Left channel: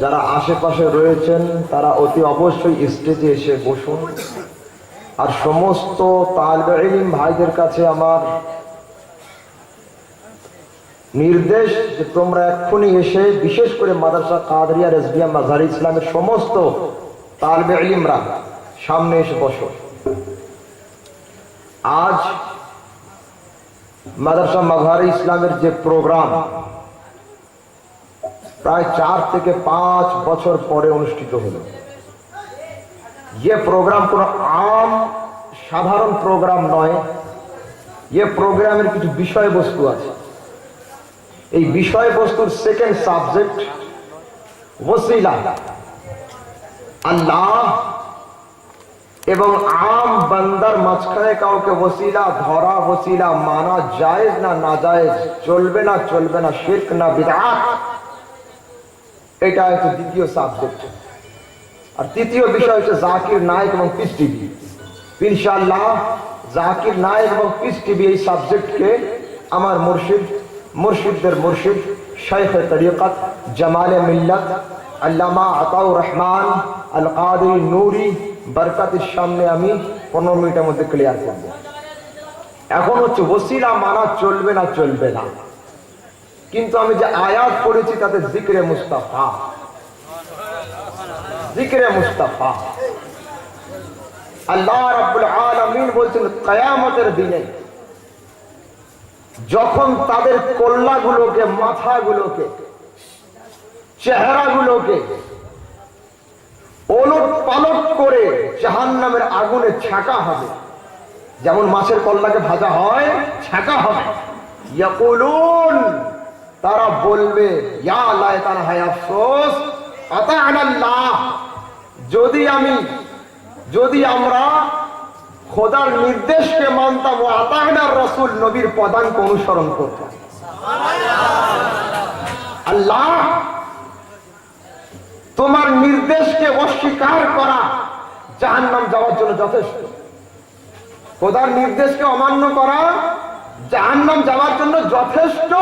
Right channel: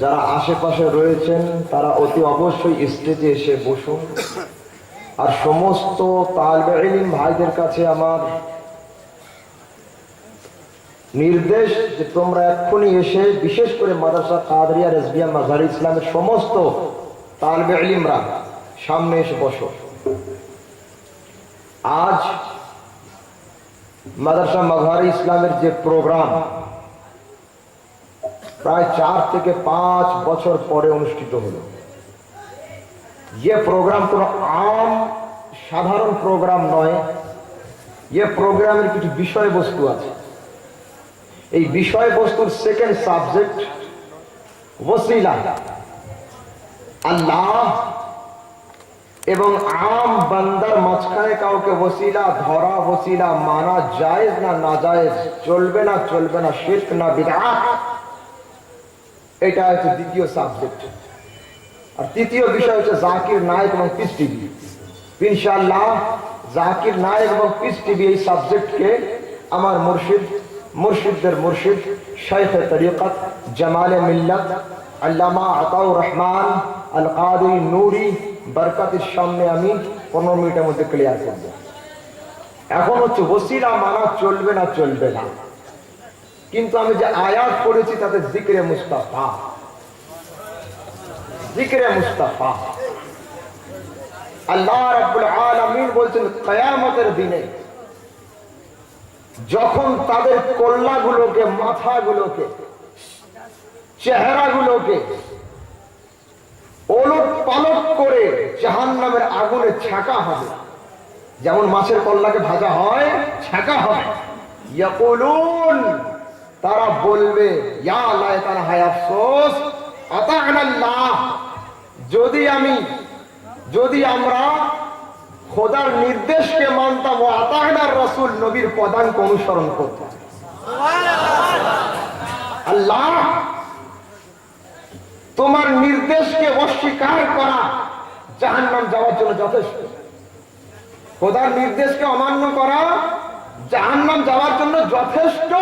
যারা আশেপাশে রয়েছেন তারা অতি অবশ্যই স্টেজে এসে বসুন। আর সমস্ত তালিবে ইলম ভাইদের কাছে আমার নির্দেশ যে তোমরা এক্ষুনি এসে, বিশেষ করে মাদ্রাসা কাদরিয়া রেজবিয়া মাজার ইসলামের সমস্ত তালিবে ইলমরা সামনে এসে বসো। আজ মাদ্রাসা মাজার ইসলামের যে প্রোগ্রাম প্রায় 4 থেকে 5 বছর পরে অনুষ্ঠিত হলো। ये प्रोग्राम কোনো আম সাধারণ প্রোগ্রাম নয়, ये প্রোগ্রামের কিছু বিষয়বস্তু আছে। এই বিষয়বস্তুর সেকেন্ড সাবজেক্ট ওসিলা, আল্লাহ এবং আম বান্দার মাঝখানে কাউকে ওসিলা ধরা, ওসিলা মানা জায়েজ না নাজায়েজ, চলবে না চলবে না, শিরক না বিদআত, এটা হচ্ছে দ্বিতীয় সাবজেক্ট। আর তৃতীয় বিষয় হচ্ছে জাকির নায়েক এবং পিস টিভি। ইনশাআল্লাহ জাকির নায়েক এবং পিস টিভি এই সাবজেক্টকে আমার মুর্শিদদের মুর্শিদ শাইখে তরিকত জামালে মিল্লাত আল্লামা আতাউর রহমান আল কাদরি নূরি বরকতের সামনে আমি 15 মিনিটের মধ্যে ক্লিয়ার করব। এখন হচ্ছে ওসিলা মানা চলবে না চলবে না, কিন্তু আমি যে আয়াত পড়েছি তাতে জিক্রে মুস্তাফা, জিক্রে মুস্তাফা। আল্লাহ রাব্বুল আলামিন বলছেন কিয়ামতের দিনে যখন তাদের কল্লাগুলোকে, মাথাগুলোকে, চেহারাগুলোকে ওলট পালট করে জাহান্নামের আগুনে ছাকা হবে, যেমন মাছের কল্লাকে ভাজা হয় ছাকা হবে। ইয়াকুলুন, তারা বলবে ইয়া লাইতানা, হায় আফসোস, আতা'না আল্লাহ, যদি আমরা খোদার নির্দেশকে মানতাম, ও আতা'না রাসূল, নবীর পদাঙ্ক অনুসরণ করতাম। আল্লাহ, তোমার নির্দেশকে অস্বীকার করা জাহান্নাম যাওয়ার জন্য যথেষ্ট। খোদার নির্দেশকে অমান্য করা জাহান্নাম যাওয়ার জন্য যথেষ্ট,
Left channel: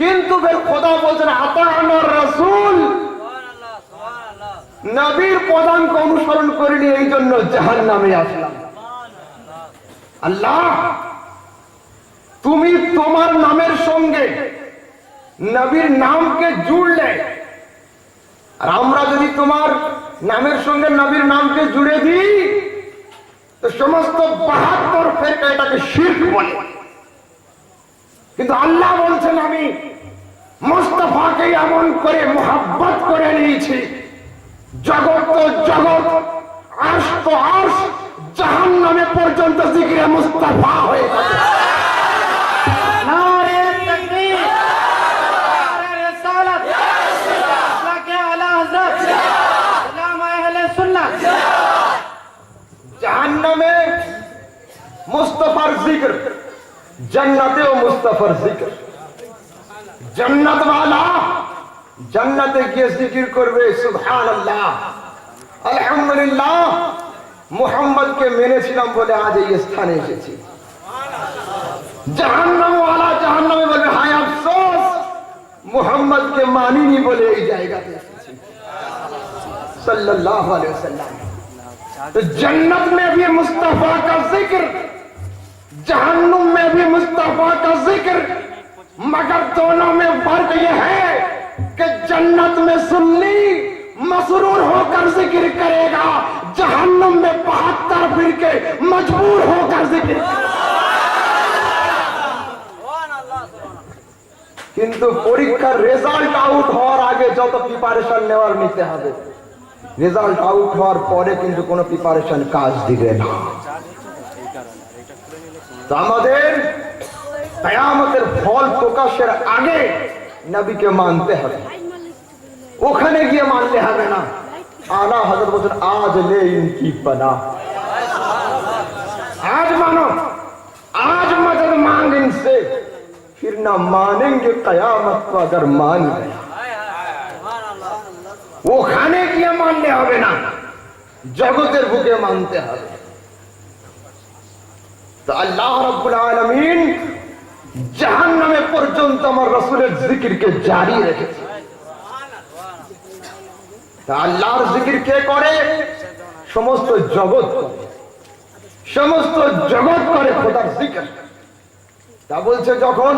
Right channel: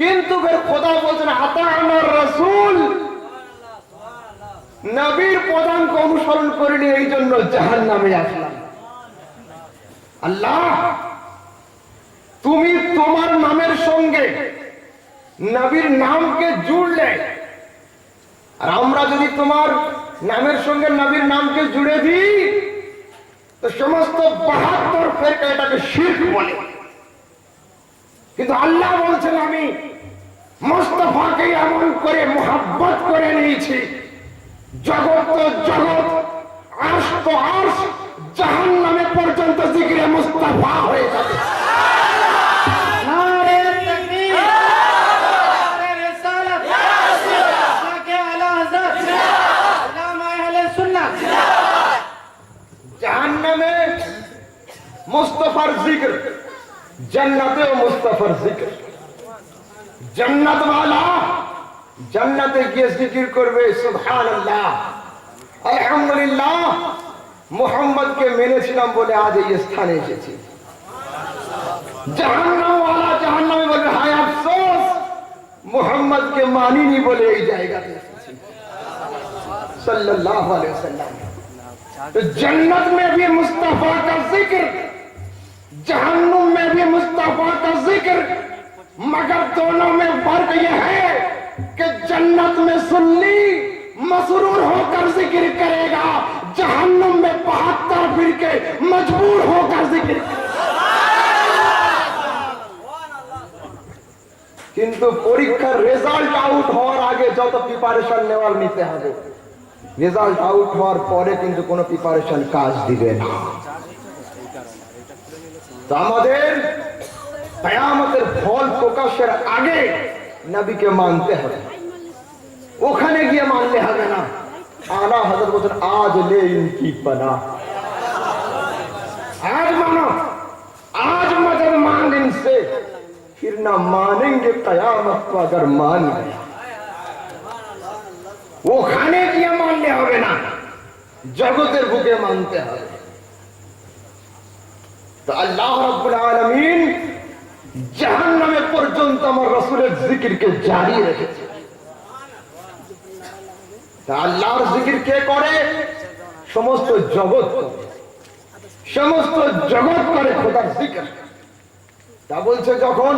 কিন্তু খোদা বলছেন আতা'না রাসূল, নবীর পদাঙ্ক অনুসরণ করিনি, এই জন্য জাহান্নামে আসলাম। আল্লাহ, তুমি তোমার নামের সঙ্গে নবীর নামকে জুড়লে, আর আমরা যদি তোমার নামের সঙ্গে নবীর নামকে জুড়ে দিই তো সমস্ত 72 ফেরকা এটাকে শিরক বলে। কিন্তু আল্লাহ বলছেন আমি মুস্তাফাকে এমন করে মোহাব্বত করে নিয়েছি, জগৎ তো জগৎ, আরশ তো আরশ, জাহান্নামে পর্যন্ত জিকিরে মুস্তাফা হয়ে যাবে। জাহান্নামে মুস্তাফার জিকির, জান্নাতেও মুস্তাফার জিকির। জান্নাত ওয়ালা জান্নাতে গিয়ে জিকির করবে সুবহানাল্লাহ, আলহামদুলিল্লাহ, মুহাম্মদকে মেনেছিলাম বলে আজ এই স্থানে এসেছি। জাহান্নাম ওয়ালা জাহান্নামে বলবে হায় আফসোস, মুহাম্মদকে মানিনি বলে এই জায়গাতে এসেছি। सल्लल्लाहु अलैहि वसल्लम। तो जन्नत में भी मुस्तफा का जिक्र, जहन्नुम में भी मुस्तफा का जिक्र, मगर दोनों में फर्क यह है कि जन्नत में सुन्नी मसरूर होकर जिक्र करेगा, जहन्नुम में 72 फिरके मजबूर होकर जिक्र करेगा। কিন্তু পরীক্ষার রেজাল্ট আউট হওয়ার আগে যত প্রিপারেশন নেওয়ার নিতে হবে, রেজাল্ট আউট হওয়ার পরে কিন্তু কোনো প্রিপারেশন কাজ দিবে না। তো আমাদের কিয়ামতের ফল প্রকাশের আগে নবীকে মানতে হবে, ওখানে গিয়ে মানলে হবে না। আলা হযরত বলেন আজ লে ইনকি পানা, आज मानो, आज मदद मांग इनसे, फिर ना मानेंगे कयामत को अगर मान गए। ওখানে গিয়ে মানলে হবে না, জগতের বুকে মানতে হবে। তো আল্লাহ রাব্বুল আলামিন জাহান্নামে পর্যন্ত আমার রাসূলের জিকিরকে জারি রেখেছে। তা আল্লাহর জিকির কে করে? সমস্ত জগৎ করে, সমস্ত জগৎ করে খোদার জিকির। তা বলছে যখন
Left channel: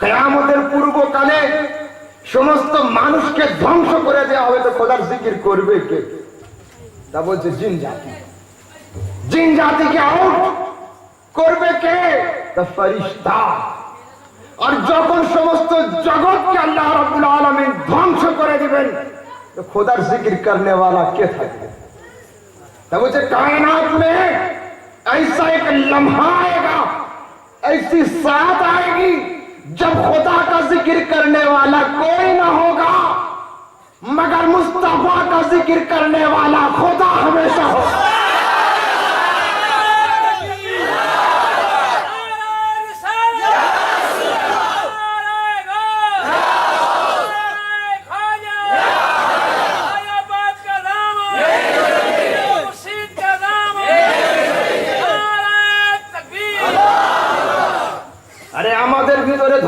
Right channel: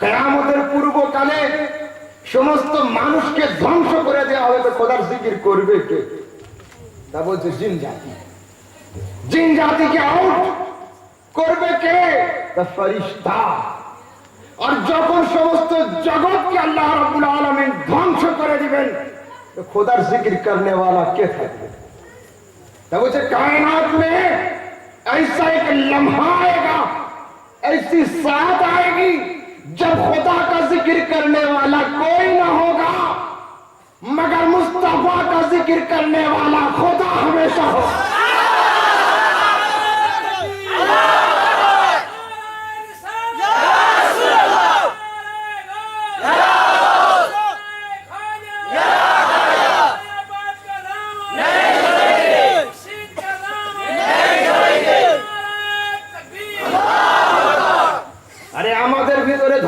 কিয়ামতের পূর্বকালে সমস্ত মানুষকে ধ্বংস করে দেওয়া হবে তো খোদার জিকির করবে কে? তা বলছে জিন জাতি। জিন জাতিকে আউট করবে কে? তা ফেরেশতা। আর যখন সমস্ত জগৎকে আল্লাহ রাব্বুল আলামিন ধ্বংস করে দিবেন তো খোদার জিকির करने वाला কে থাকবে? তা বলছে কায়নাত में ऐसा एक लम्हा आएगा, ऐसी साथ आएगी जब खुदा का जिक्र करने वाला कोई ना होगा मगर मुस्तफा का जिक्र करने वाला खुदा हमेशा होगा।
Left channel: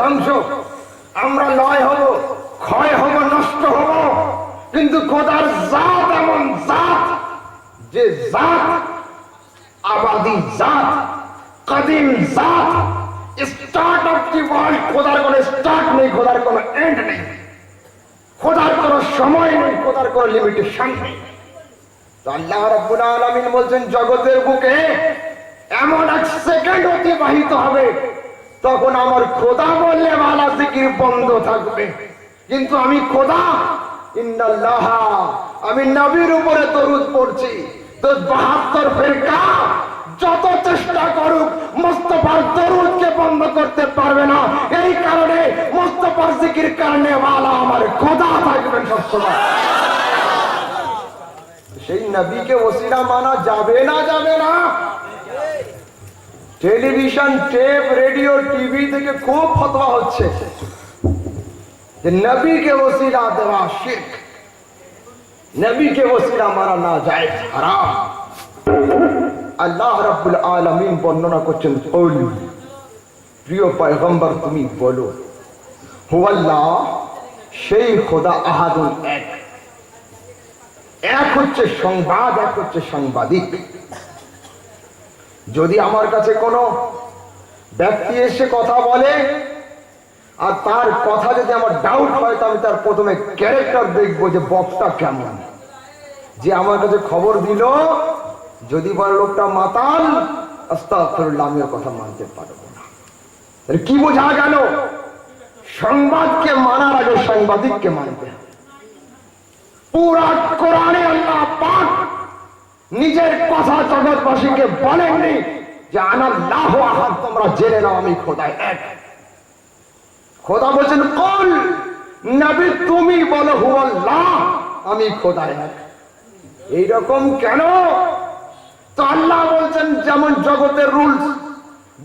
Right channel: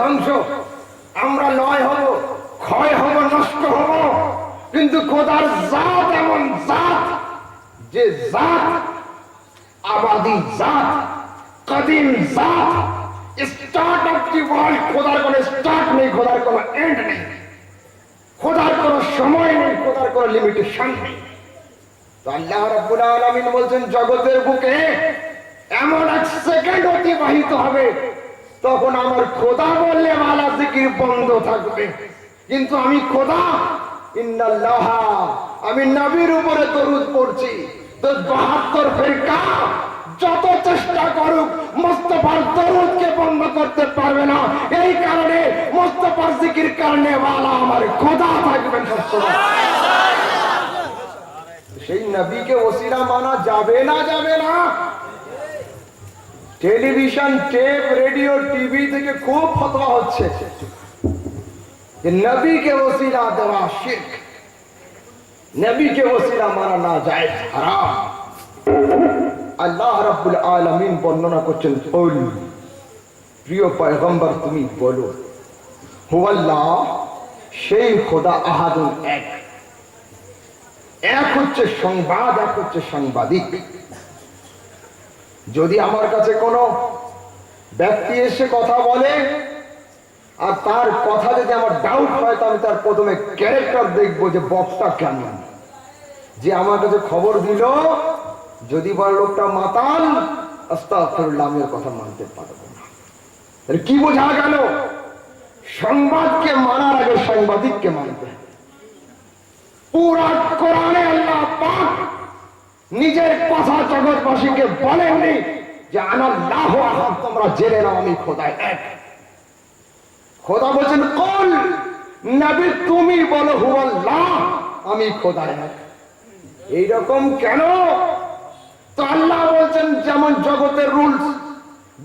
ধ্বংস আমরা লয় হব, ক্ষয় হব, নষ্ট হব, কিন্তু খোদার জাত এমন জাত যে জাত আবাদি জাত, কদিম জাত, স্টার্ট অফ দি ওয়ার্ল্ড। খোদার কোনো স্টার্ট নেই, খোদার কোনো এন্ড নেই, খোদার কোনো সময় নেই, খোদার কোনো লিমিটেশন নেই। তো আল্লাহ রাব্বুল আলামিন বলছেন জগতের বুকে এমন এক সেকেন্ড অতিবাহিত হবে তখন আমার খোদা বললে ওয়ালা জিকির বন্ধ থাকবে। কিন্তু আমি খোদা ইন্নাল্লাহ, আমি নবীর উপরে দরুদ পড়ছি তো 72 ফিরকা যত চেষ্টা করুক মুস্তাফার দরুদকে বন্ধ করতে পারবে না। এই কারণে মুস্তাফার জিকির করনে ওয়ালা আমার খোদা থাকবেন সবসময়। সেই নবীকে ওসিলা মানা যাবে না? যাবে না। টেলিভিশন, টেপ, রেডিও, টিভি থেকে খুব ফতোয়া হচ্ছে যে নবীকে ওসিলা দেওয়া শিরক, নবীকে ওসিলা মানা না যায়, হারাম। আল্লাহ রাব্বুল আলামিন বর্ণনা করছেন, কুল, প্রিয় পয়গম্বর তুমি বলো, হুয়াল্লাহ, সেই খোদা আহাদুন এক। এক হচ্ছে সংবাদ, এক হচ্ছে সাংবাদিক। যদি আমার কাছে কোনো ব্যক্তি এসে কথা বলে আর তার কথা যদি আমার ডাউট হয় তো আমি তার প্রথমে ক্যারেক্টার দেখবো যে বক্তা কেমন। যে আমার কাছে খবর দিল যদি বলে লোকটা মাতাল, আস্তাগফিরুল্লাহ, আমি ওর কথা মানতে পারবো না। কি বোঝা গেল? সংবাদকে মানার আগে সাংবাদিককে মানতে হবে। পুরা কোরআনে আল্লাহ পাক নিজের কথা জগৎবাসীকে বলেননি যে আনাল্লাহু আহাদ, তোমরা জেনে নাও আমি খোদা এক। খোদা বলেছেন কুল, নবী তুমি বলো হুয়াল্লাহ, আমি খোদা এক। এইরকম কেন? তো আল্লাহ বলছেন যেমন জগতের রুলস,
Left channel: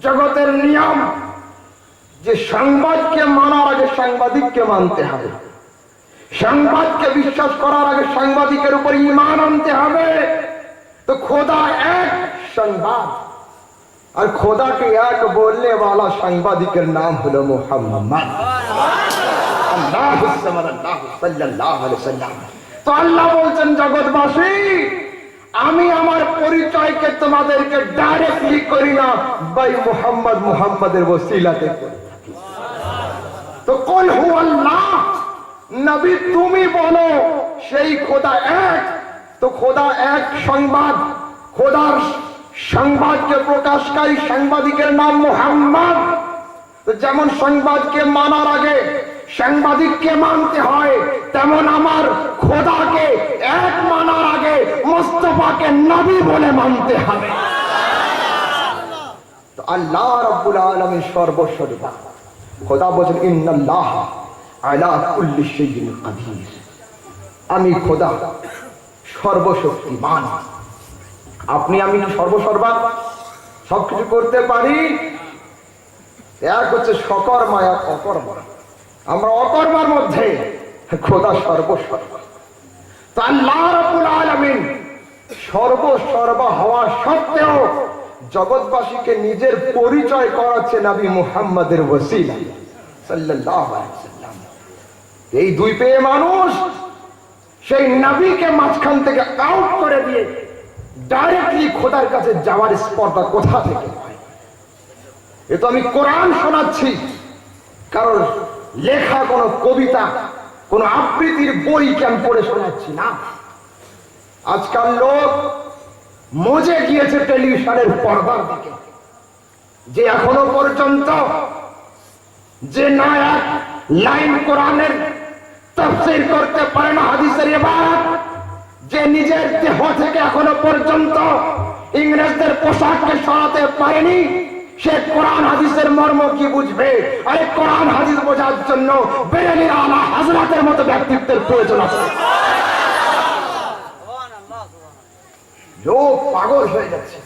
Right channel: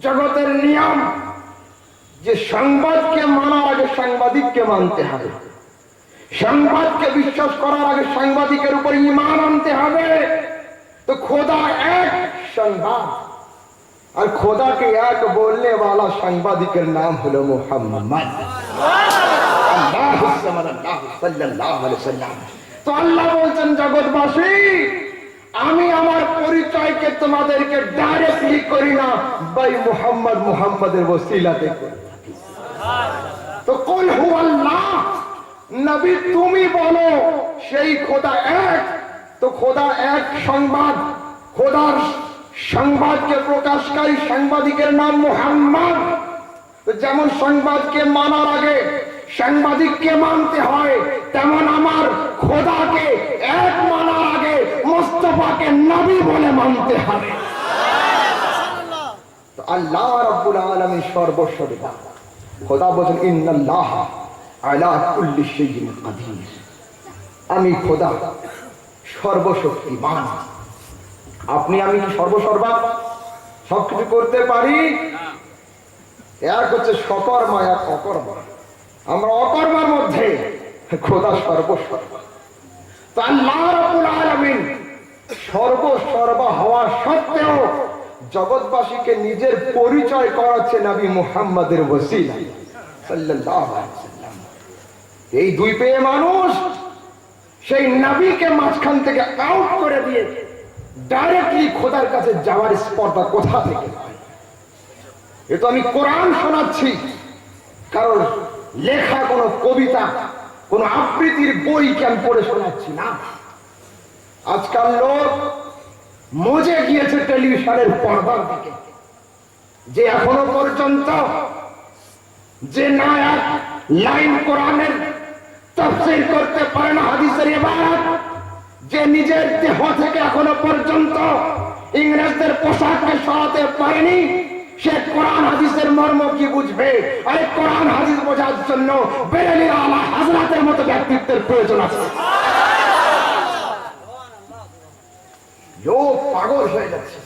জগতের নিয়ম, যে সংবাদকে মানার আগে সাংবাদিককে মানতে হবে, সংবাদকে বিশ্বাস করার আগে সাংবাদিকের উপর ঈমান আনতে হবে। তো খোদা এক সংবাদ, আর খোদাকে এক বলনে वाला সাংবাদিকের নাম হলো মুহাম্মদ সাল্লাল্লাহু আলাইহি ওয়াসাল্লাম। তো আল্লাহ বলছেন জগৎবাসী, আমি আমার পরিচয়কে তোমাদেরকে ডাইরেক্টলি করি না, ভাই মুহাম্মদ, মুহাম্মাদের ওসিলাতে করি। তো কুল হুয়াল্লাহ, নবী তুমি বলো সেই খোদা এক। তো খোদা এক সংবাদ, খোদার সংবাদকে প্রকাশকারী সাংবাদিকের নাম মুহাম্মদ। তো যেমন সংবাদকে মানার আগে সাংবাদিককে মানতে হয়, তেমন আমার খোদাকে এক মানার আগে মুস্তাফাকে নবী বলে মানতে হবে। তো আল্লাহ রাব্বুল আলামিন সর্বশক্তিমান। খোদা বলেন ইন্নাল্লাহ আলা কুল্লি শাইইন কাদির, আমি খোদা সর্বশক্তিমান। আপনি আমি কি সর্বসর্বা সবকিছু করতে পারি? এক হচ্ছে সকর্মা, এক অকর্মা। আমরা অকর্মার মধ্যে, খোদা সর্বসর্বা। তো আল্লাহ রাব্বুল আলামিন সর্বসর্বা হওয়া সত্ত্বেও জগৎবাসীকে নিজের পরিচয় করাচ্ছে নবী মুহাম্মাদের ওসিলা সাল্লাল্লাহু আলাইহি ওয়াসাল্লাম। এই দুই পেয়ে মানুষ সেই নবীকে মাঝখান থেকে আউট করে দিয়ে ডাইরেক্টলি খোদার কাছে যাওয়ার স্পর্ধা কোথা থেকে হয়? এ তো আমি কোরআন শোনাচ্ছি, কারণ লেখা কোন কবিতা, কোন আবৃত্তির বইকে আমি পড়ে শোনাচ্ছি না। আজকাল লোক মজে গিয়েছে টেলিভিশনের পর্দার দিকে, যে এখনো পর্যন্ত যে না এক লাইন কোরআনের তাফসীর করতে পারে না, হাদিসের ইবারত, যে নিজের দেহ থেকে এখনো পর্যন্ত ইংরেজদের পোশাককে সরাতে পারেনি, সে কোরআন হাদিসের মর্ম কি বুঝবে? আরে কোরআন হাদিস বোঝার জন্য বেরেলির আলা হযরতের মতো ব্যক্তিত্বের প্রয়োজন আছে। লোক পাগল হয়ে যাচ্ছে,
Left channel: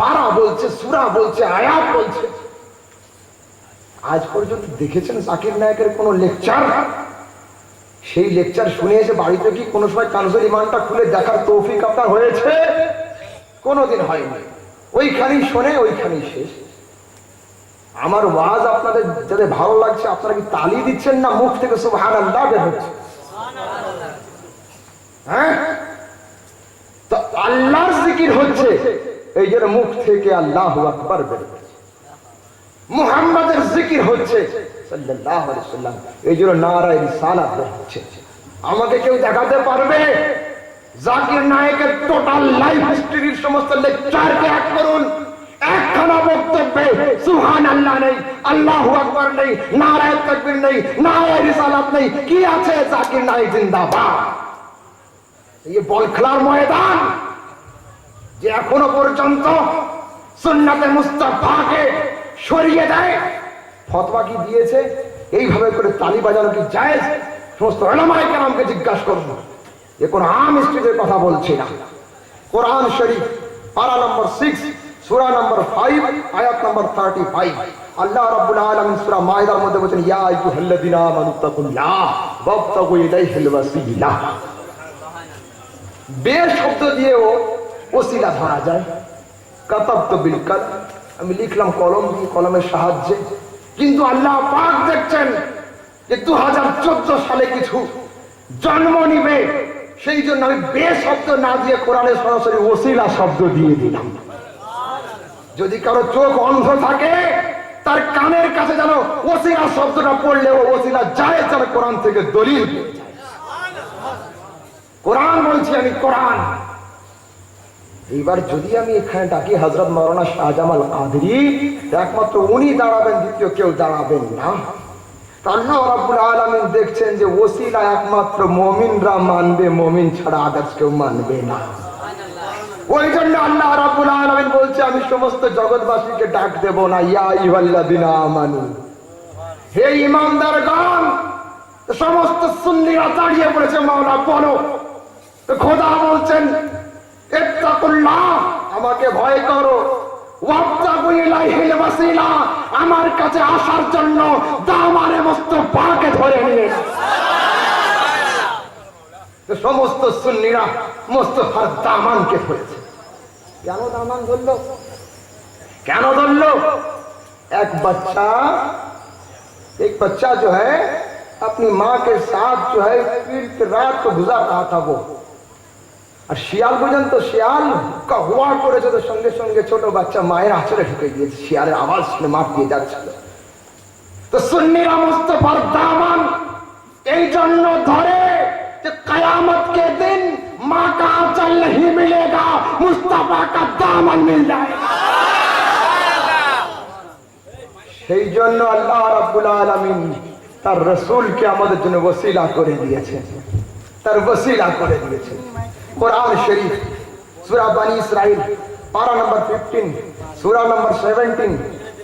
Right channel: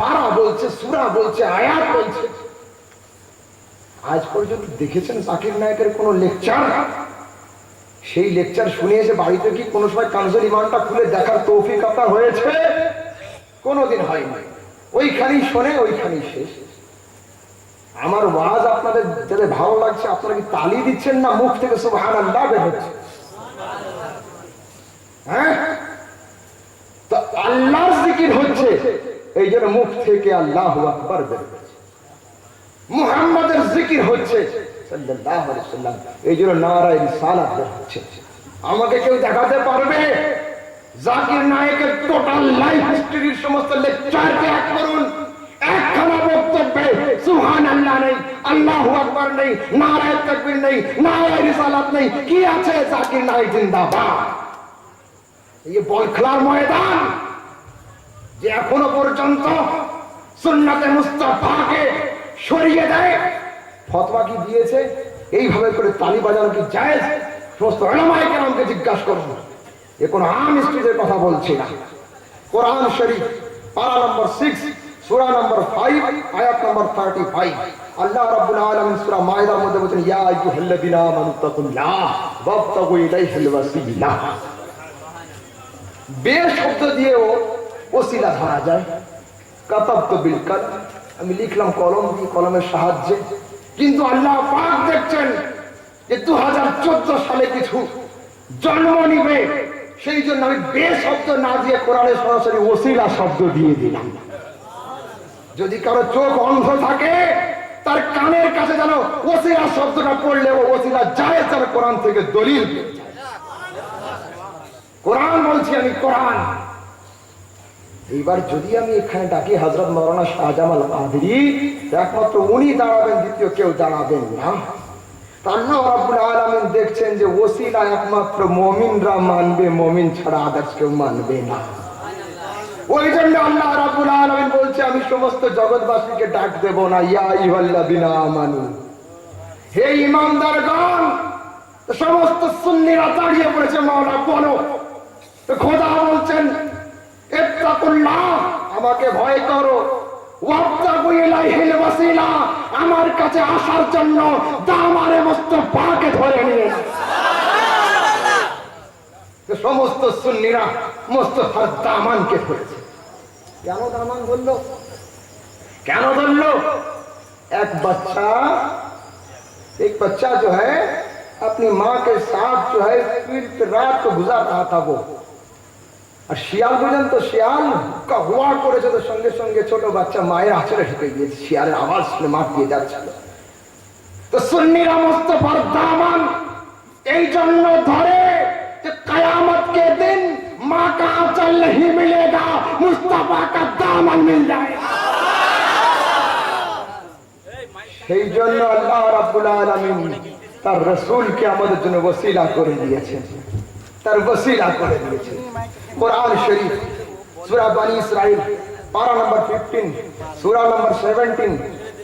পারা বলছে, সূরা বলছে, আয়াত বলছে। আজ পর্যন্ত দেখেছেন জাকির নায়েকের কোন লেকচার? সেই লেকচার শুনে এসে বাড়িতে কি কোনো সময় কানজুল ইমানটা খুলে দেখার তৌফিক আপনার হয়েছে? কোনোদিন হয়নি। ওইখানেই শোনে, ওইখানেই শেষ। আমার ওয়াজ আপনাদের যাদের ভালো লাগছে, আপনারা কি তালি দিচ্ছেন না মুখ থেকে সুবহানাল্লাহ বের হচ্ছে? হ্যাঁ, তো আল্লাহর জিকির হচ্ছে, এই জন্য মুখ থেকে আল্লাহু আকবার বের হচ্ছে। মুহাম্মাদের জিকির হচ্ছে সাল্লাল্লাহু আলাইহি ওয়াসাল্লাম, এই জন্য নারায়ে রিসালাত বের হচ্ছে। আমাকে কেউ দেখাতে পারবে জাকির নায়েকের টোটাল লাইফ হিস্ট্রির সমস্ত লেকচারকে এক করুন, একখানা বক্তব্যে সুবহানাল্লাহ নেই, আল্লাহু আকবার নেই, নারায়ে তাকবীর নেই, নারায়ে রিসালাত নেই, কি আছে? জাকির নায়েক জিন্দাবাদ। এই বল খেলার ময়দান যে এখনো পর্যন্ত সুন্নাতে মুস্তাফাকে সরিয়ে দেয়, ফতোয়া কি দিয়েছে? এইভাবে করে তালি বাজানো কি জায়েজ? সমস্ত উলামায়ে কেরামকে জিজ্ঞাসা করুন। এ কোন আম স্টেজের কথা বলছি না। কোরআন শরীফ পারা নম্বর 6 সূরা নম্বর 5 আয়াত নম্বর 35, আল্লাহ রাব্বুল আলামিন সূরা মাইদার মধ্যে বলেন, ইয়া আইয়ুহাল্লাযীনা আমানু তাকুল্লাহ ওয়াবতাগু ইলাইহিল ওয়াসিলা। বে শব্দ দিয়েও ওসিলা ধরা যায়। কাতাবতু বিল কলম, আমি লিখলাম কলম দিয়ে, কলমের সাহায্যে। কিন্তু আল্লাহ পাক দেখছেন যে 2014 সালে কিছু জন্ম নিবে, সেই জন্য আমি বে শব্দ না দিয়ে কোরআনে সরাসরি ওসিলা শব্দ দিয়ে দিলাম। যদি কারো চোখ অন্ধ থাকে, তার কানের কাছে যেন ওসিলা শব্দটা পড়লেও ওসিলা জায়েজ, যেন কোরআন থেকে দলিল পেয়ে যায়। কোরআন বলছি আমি, কোরআন। এইবার যদি আমি এখানে ডাকি হযরত মাওলানা শাহজামাল কাদেরী, একমাত্র উনি দাঁড়াবেন, দ্বিতীয় কেউ দাঁড়াবেন না। আল্লাহ রাব্বুল আলামিন দেখছেন যে ওসিলা একমাত্র মুমিনরা মানবে, মুমিন ছাড়া আদার্স কেউ মানবে না। ওই জন্য আল্লাহ রাব্বুল আলামিন বলছে, আমি সমস্ত জগৎবাসীকে ডাক দেব না, ইয়া আইয়ুহাল্লাযীনা আমানু, হে ঈমানদারগণ। সমস্ত সুন্নিরা দাঁড়িয়ে পড়েছে, মাওলা বলো। তো খোদা বলছেন, ইত্তাকুল্লাহ, আমাকে ভয় করো, ওয়াবতাগু ইলাইহিল ওয়াসিলা, আমার কাছে আসার জন্য দামানে মুস্তাফাকে ধরে নিয়ে। সমস্ত সুন্নিরা মুস্তাফার দামানকে ধরেছে। কেন দামান ধরলো? কেন ধরলো? एक बच्चा जो है अपनी माँ के साथ जो है रात को गुजार रहा था वो, আর শিয়াল পর্যন্ত শিয়াল হুয়া করেছে, তো সঙ্গে সঙ্গে ছোট বাচ্চা মায়ের আঁচড়ে ঢুকে গিয়েছে, শিয়ালের আওয়াজ শুনে মাপ দিয়ে যাচ্ছিল। তো সুন্নিরা মুস্তাফার দামান এই জন্য ধরে যে কিয়ামত के दिन माँ का आंचल नहीं मिलेगा, मुस्तफा का दामन मिल जाएगा। সেই জন্য আল্লাহ রাব্বুল আলামিন তার রাসূলকে আমাদের জন্য ওসিলা করে দিয়েছেন, তার ওসিলা করে দিয়েছেন। কোরআন শরীফ সূরা বনি ইসরাইল পারা নম্বর 15 সূরা নম্বর 17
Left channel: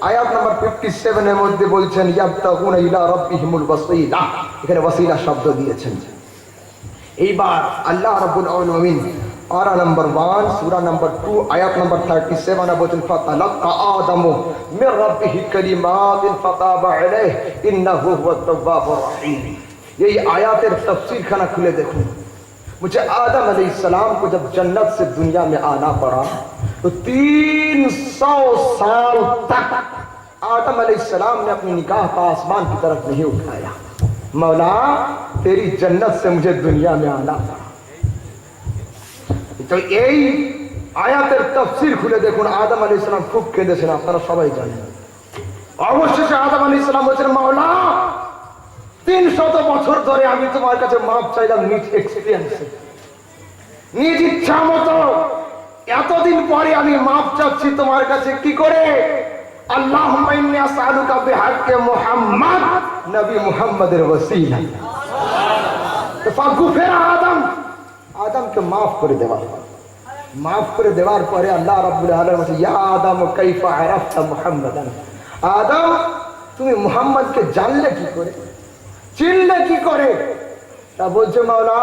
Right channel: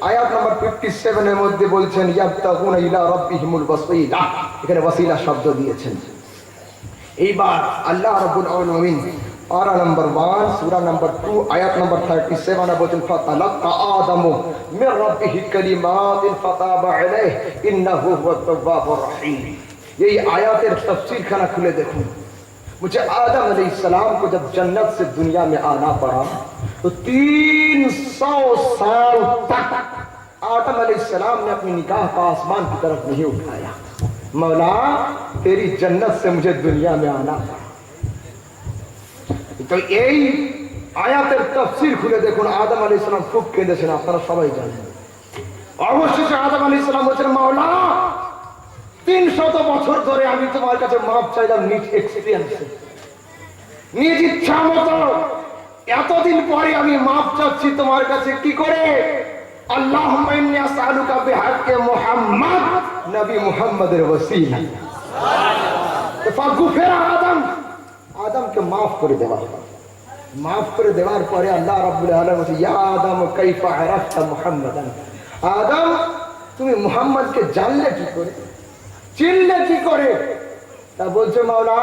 আয়াত নম্বর 57 এর মধ্যে বলছেন, ইয়াবতাগুনা ইলা রাব্বিহিমুল ওয়াসিলা, এখানে ওয়াসিলা শব্দ দিয়েছেন। এইবার আল্লাহ রাব্বুল আলামিন পারা নম্বর 1 সূরা নম্বর 2 আয়াত নম্বর 37 এ বলেন, ফাতালাক্কা আদামু মির রাব্বিহি কালিমাতিন ফাতাবা আলাইহি ইন্নাহু হুয়াত তাওয়াবুর রহিম। এই আয়াতের তাফসীর খানা খুলে দেখুন। मुझे आदम अलैहिस्सलाम को जब जन्नत से दुनिया में आना पड़ा तो 300 साल तक आदम अलैहिस्सलाम ने अपनी निगाह का आसमान की तरफ नहीं उठाया। मौला तेरी जन्नत से मुझे दुनिया में आना। তো এই আয়াতের তাফসীর খুলে দেখুন, আদম আলাইহিস সালাম খুব কেঁদেছেন, আপনারা সবাই জানেন। অবশেষে আদম আলাইহিস সালাম বলেছেন, মাওলা 300 বছর ধরে আমি তোমার কাছে মাফ চাইলাম নিজ এক্সপেরিয়েন্সে, নিজ ইচ্ছা মতো। এতদিন পরে আমি মাফ চাচ্ছি তোমার কাছে কি করে? আল্লাহুম্মা ইন্নী আসআলুকা বিহাক্কি মুহাম্মদ, নবী মুহাম্মাদের ওসিলা। তো ফাগফির আদম, আদমকে মাফ করে দেওয়া। মাফ করে দেওয়ার পরে আল্লাহ রাব্বুল আলামিন বলেন, ইয়া আদম কাইফা আরাফতা মুহাম্মাদান, আদম তুমি মুহাম্মদকে জানলে কি করে, চিনলে কি করে? তা বলছে, মাওলা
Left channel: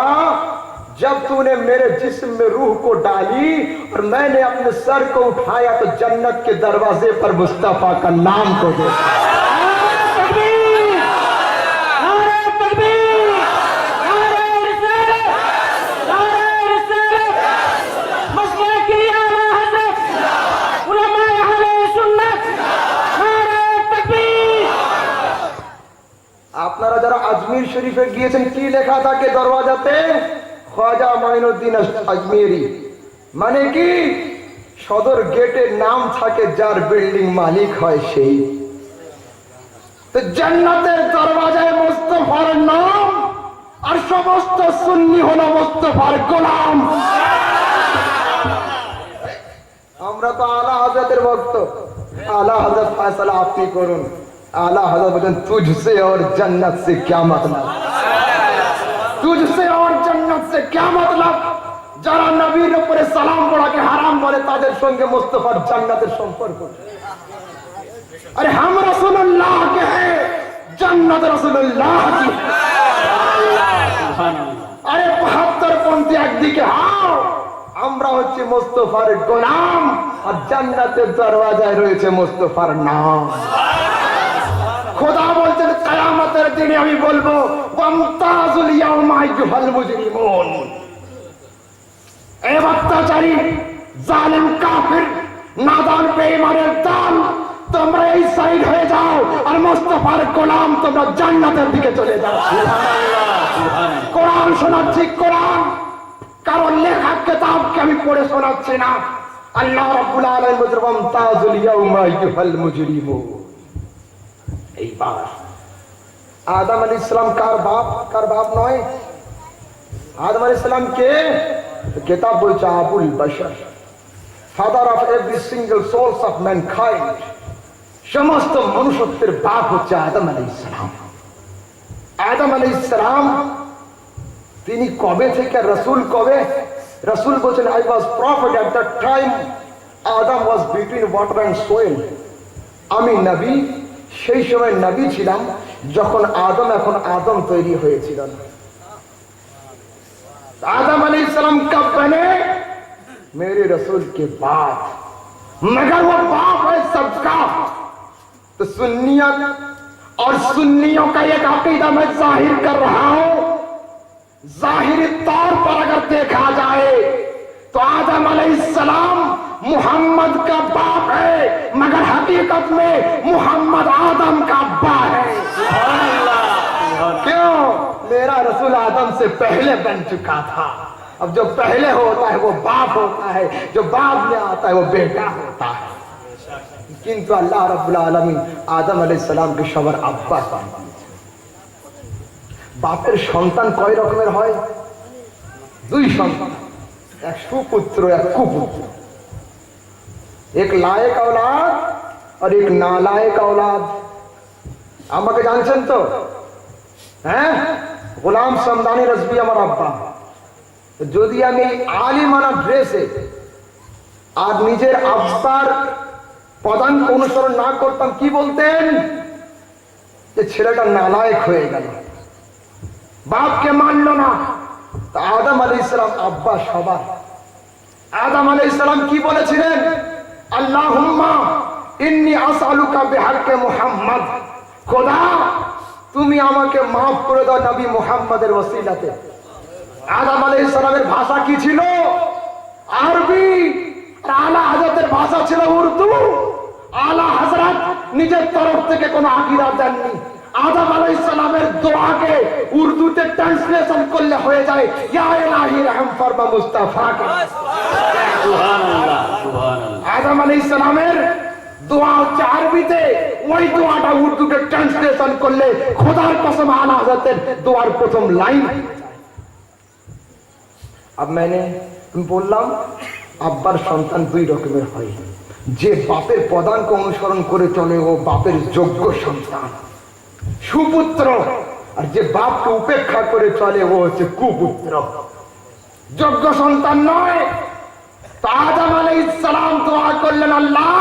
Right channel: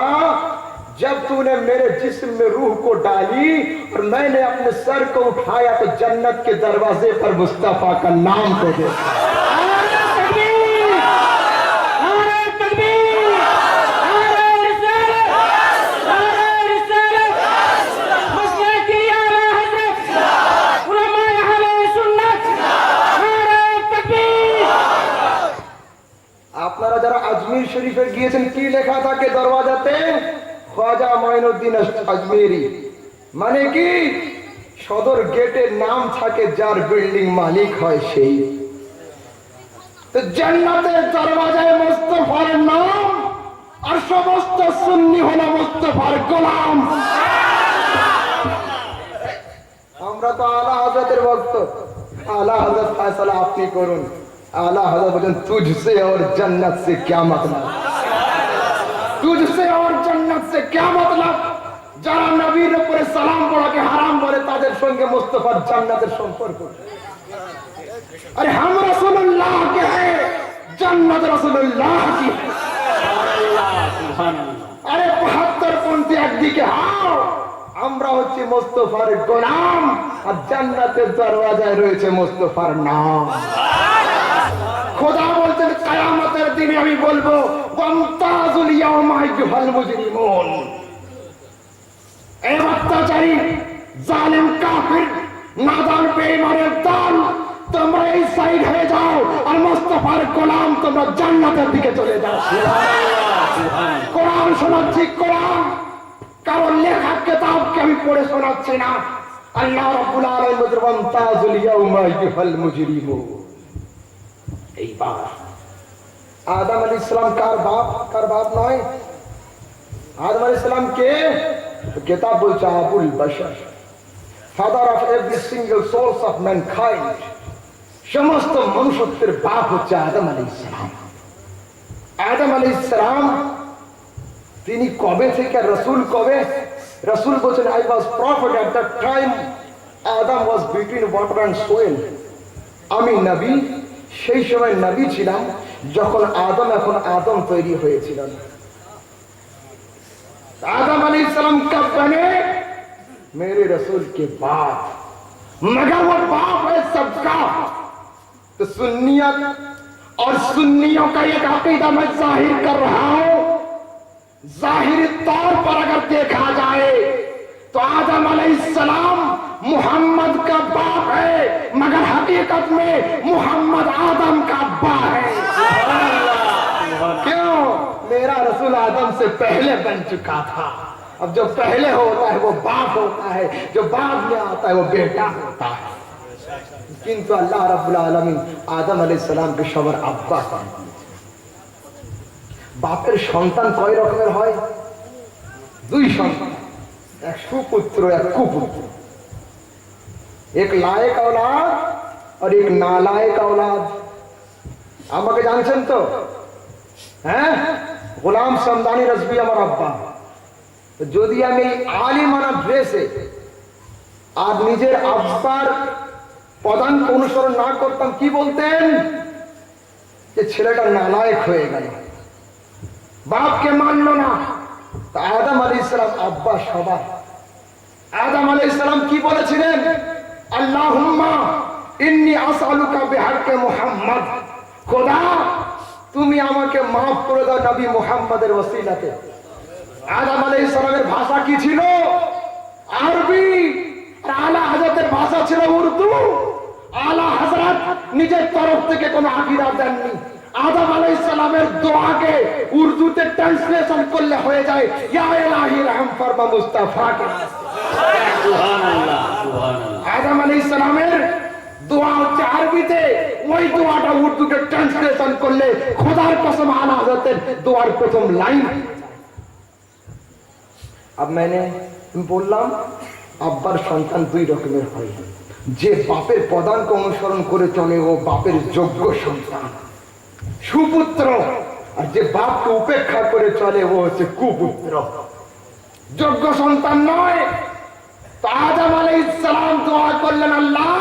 जब तूने मेरे जिस्म में रूह को डाली और मैंने अपने सर को उठाया तो जन्नत के दरवाजे पर मुस्तफा का नाम को देखा। আপনারা যারা আজমির শরীফে গিয়েছেন কি লেখা থাকে দরওয়াজাতে? খ্বাজা মাইনুদ্দিন আজমেরি। মানে কি? সদর গেটের নাম থাকে যার বিল্ডিং মালিক হয় সেই। তো জান্নাতের দরওয়াজায় মুস্তাফার নাম, আর সমস্ত সুন্নি হলো মুস্তাফার গোলাম। আমরা তো আলা হযরতের ভক্ত। আলা হযরত ফয়সালা আপনি করুন। आला हज़रत बजन तुझसे और जन्नत से क्या मतलब, तुझसे और जन्नत से क्या मतलब? যারা নবীর উপরে সালাম পড়াকে হারাম বলে তাদের সঙ্গে মুস্তাফার জান্নাতের সম্পর্ক। আরে हम रसूलुल्लाह के हैं, जन्नत रसूलुल्लाह की। আরে 72 পন্থী একদিকে হাও, আমরা হচ্ছে মুস্তাফার গোলাম, আর জান্নাতের দরওয়াজায় রয়েছে মুস্তাফার নাম। খোদা বলতেন কিয়ামতের দিনে আমি বলবো ওয়ামতাজুল ইয়াওমা আইয়ুহাল মুজরিমুন, এ অত্যাচারী জালিম কাফির নাদান বেঈমানের দল, তোমরা এই সাইড হয়ে যাও, আর মুস্তাফার গোলাম তোমরা জান্নাতের দিকে চলে যাও। কোরআন শোনাচ্ছি, কোরআন কারণ লেখা কিতাবকে আমি পড়ে শোনাচ্ছি না। আল্লাহ রাব্বুল আলামিন বলেন ওয়ামতাজুল ইয়াওমা আইয়ুহাল মুজরিমুন। এইবার আদম আলাইহিস সালাম কার বাপ নয়? আদম আলাইহিস সালাম কে? কিতাব বলছে Abul Bashar, father of every single souls of mankind. সমস্ত মনুষ্যত্বের বাপ হচ্ছে আদম আলাইহিস সালাম। আদম আলাইহিস সালাম তিনি কবে থেকে রাসূল কবে? রাসূল বলেন I was prophet at that time Adam was between water and soil. আমি নবী সেই সময় নবী ছিলাম যখন এখন আদম তৈরি হয়েছিলেন। आदम अलैहिस्सलाम कब बने? मेरे रसूल के बाद, मगर वो बाप है सबका। तो सुन्नियत और सुन्नियों का एक अकीदा मैं जाहिर कर रहा हूं। जाहिरी तौर पर अगर देखा जाए तो आदम अलैहिस्सलाम मुहम्मद का बाप है, मगर हकीकत में मुहम्मद आदम का अब्बा है। क्यों? मेरा रसूल आदम से पहले बन चुका था। अब जो पहले होता है वो बाप होता है, जो बाद में आता है वो बेटा होता है। किंतु अल्लाह रब्बुल आलमीन आदम अलैहिस सालाम के सবার আব্বা করেন। বাপের সন্তান কয় রকমের হয়? দুই সন্তান, এক সুপুত্র এক কুপুত্র। एक लायक औलाद और एक नालायक औलाद। আমাকে জানছেন তো? হ্যাঁ, গোলাম সমদানি রাজবি আমার আব্বা। যদি আমি আলিমানা ড্রেসে আর নিজের আব্বার পদাঙ্ক অনুসরণ না করতাম কি বলতেন? যে ছেলেটা নালায়েক হয়ে গেল, বাপকে মানলো না। তা আদম আলাইহিস সালাম আব্বা সবার। আদম আলাইহিস সালাম কি বলেছিলেন? আল্লাহুম্মা ইন্নী আসআলুকা বিহাক্কি মুহাম্মদ, খোদা তুমি আমাকে মাফ করে দাও নবী মুহাম্মাদের ওসিলাতে। আদম আলাইহিস সালামের ভাষা কি ছিল? আরবি। আলা হযরতের ভাষা ছিল উর্দু। আলা হযরত নিজের তরফ থেকে কোনো আকীদা দেননি। আদম আলাইহিস সালামের দোয়াকে উর্দুতে ট্রান্সলেশন করলে হয়ে যায় ইয়া ইলাহি রহম ফরমা মুস্তাফাকে। সুবহানাল্লাহ সুবহানাল্লাহ। আদম আলাইহিস সালামের দোয়া হচ্ছে আরবিতে, ওই দোয়াটা উর্দুতে ট্রান্সলেশন করলে খোদার কসম আলা হযরতের দোয়ার প্রথম লাইন। अब मैंने বললাম আব্বার সন্তান দুই রকমের হয়, যে বাপের প্রধানকে অনুসরণ করে চলে ও বাপের যোগ্য সন্তান সুপুত্র, আর যে বাপকে উপেক্ষা করে চলে ও হচ্ছে কুপুত্র যোগ্য সন্তান নয়। তো আদম আলাইহিস সালাম দোয়া করলেন আল্লাহ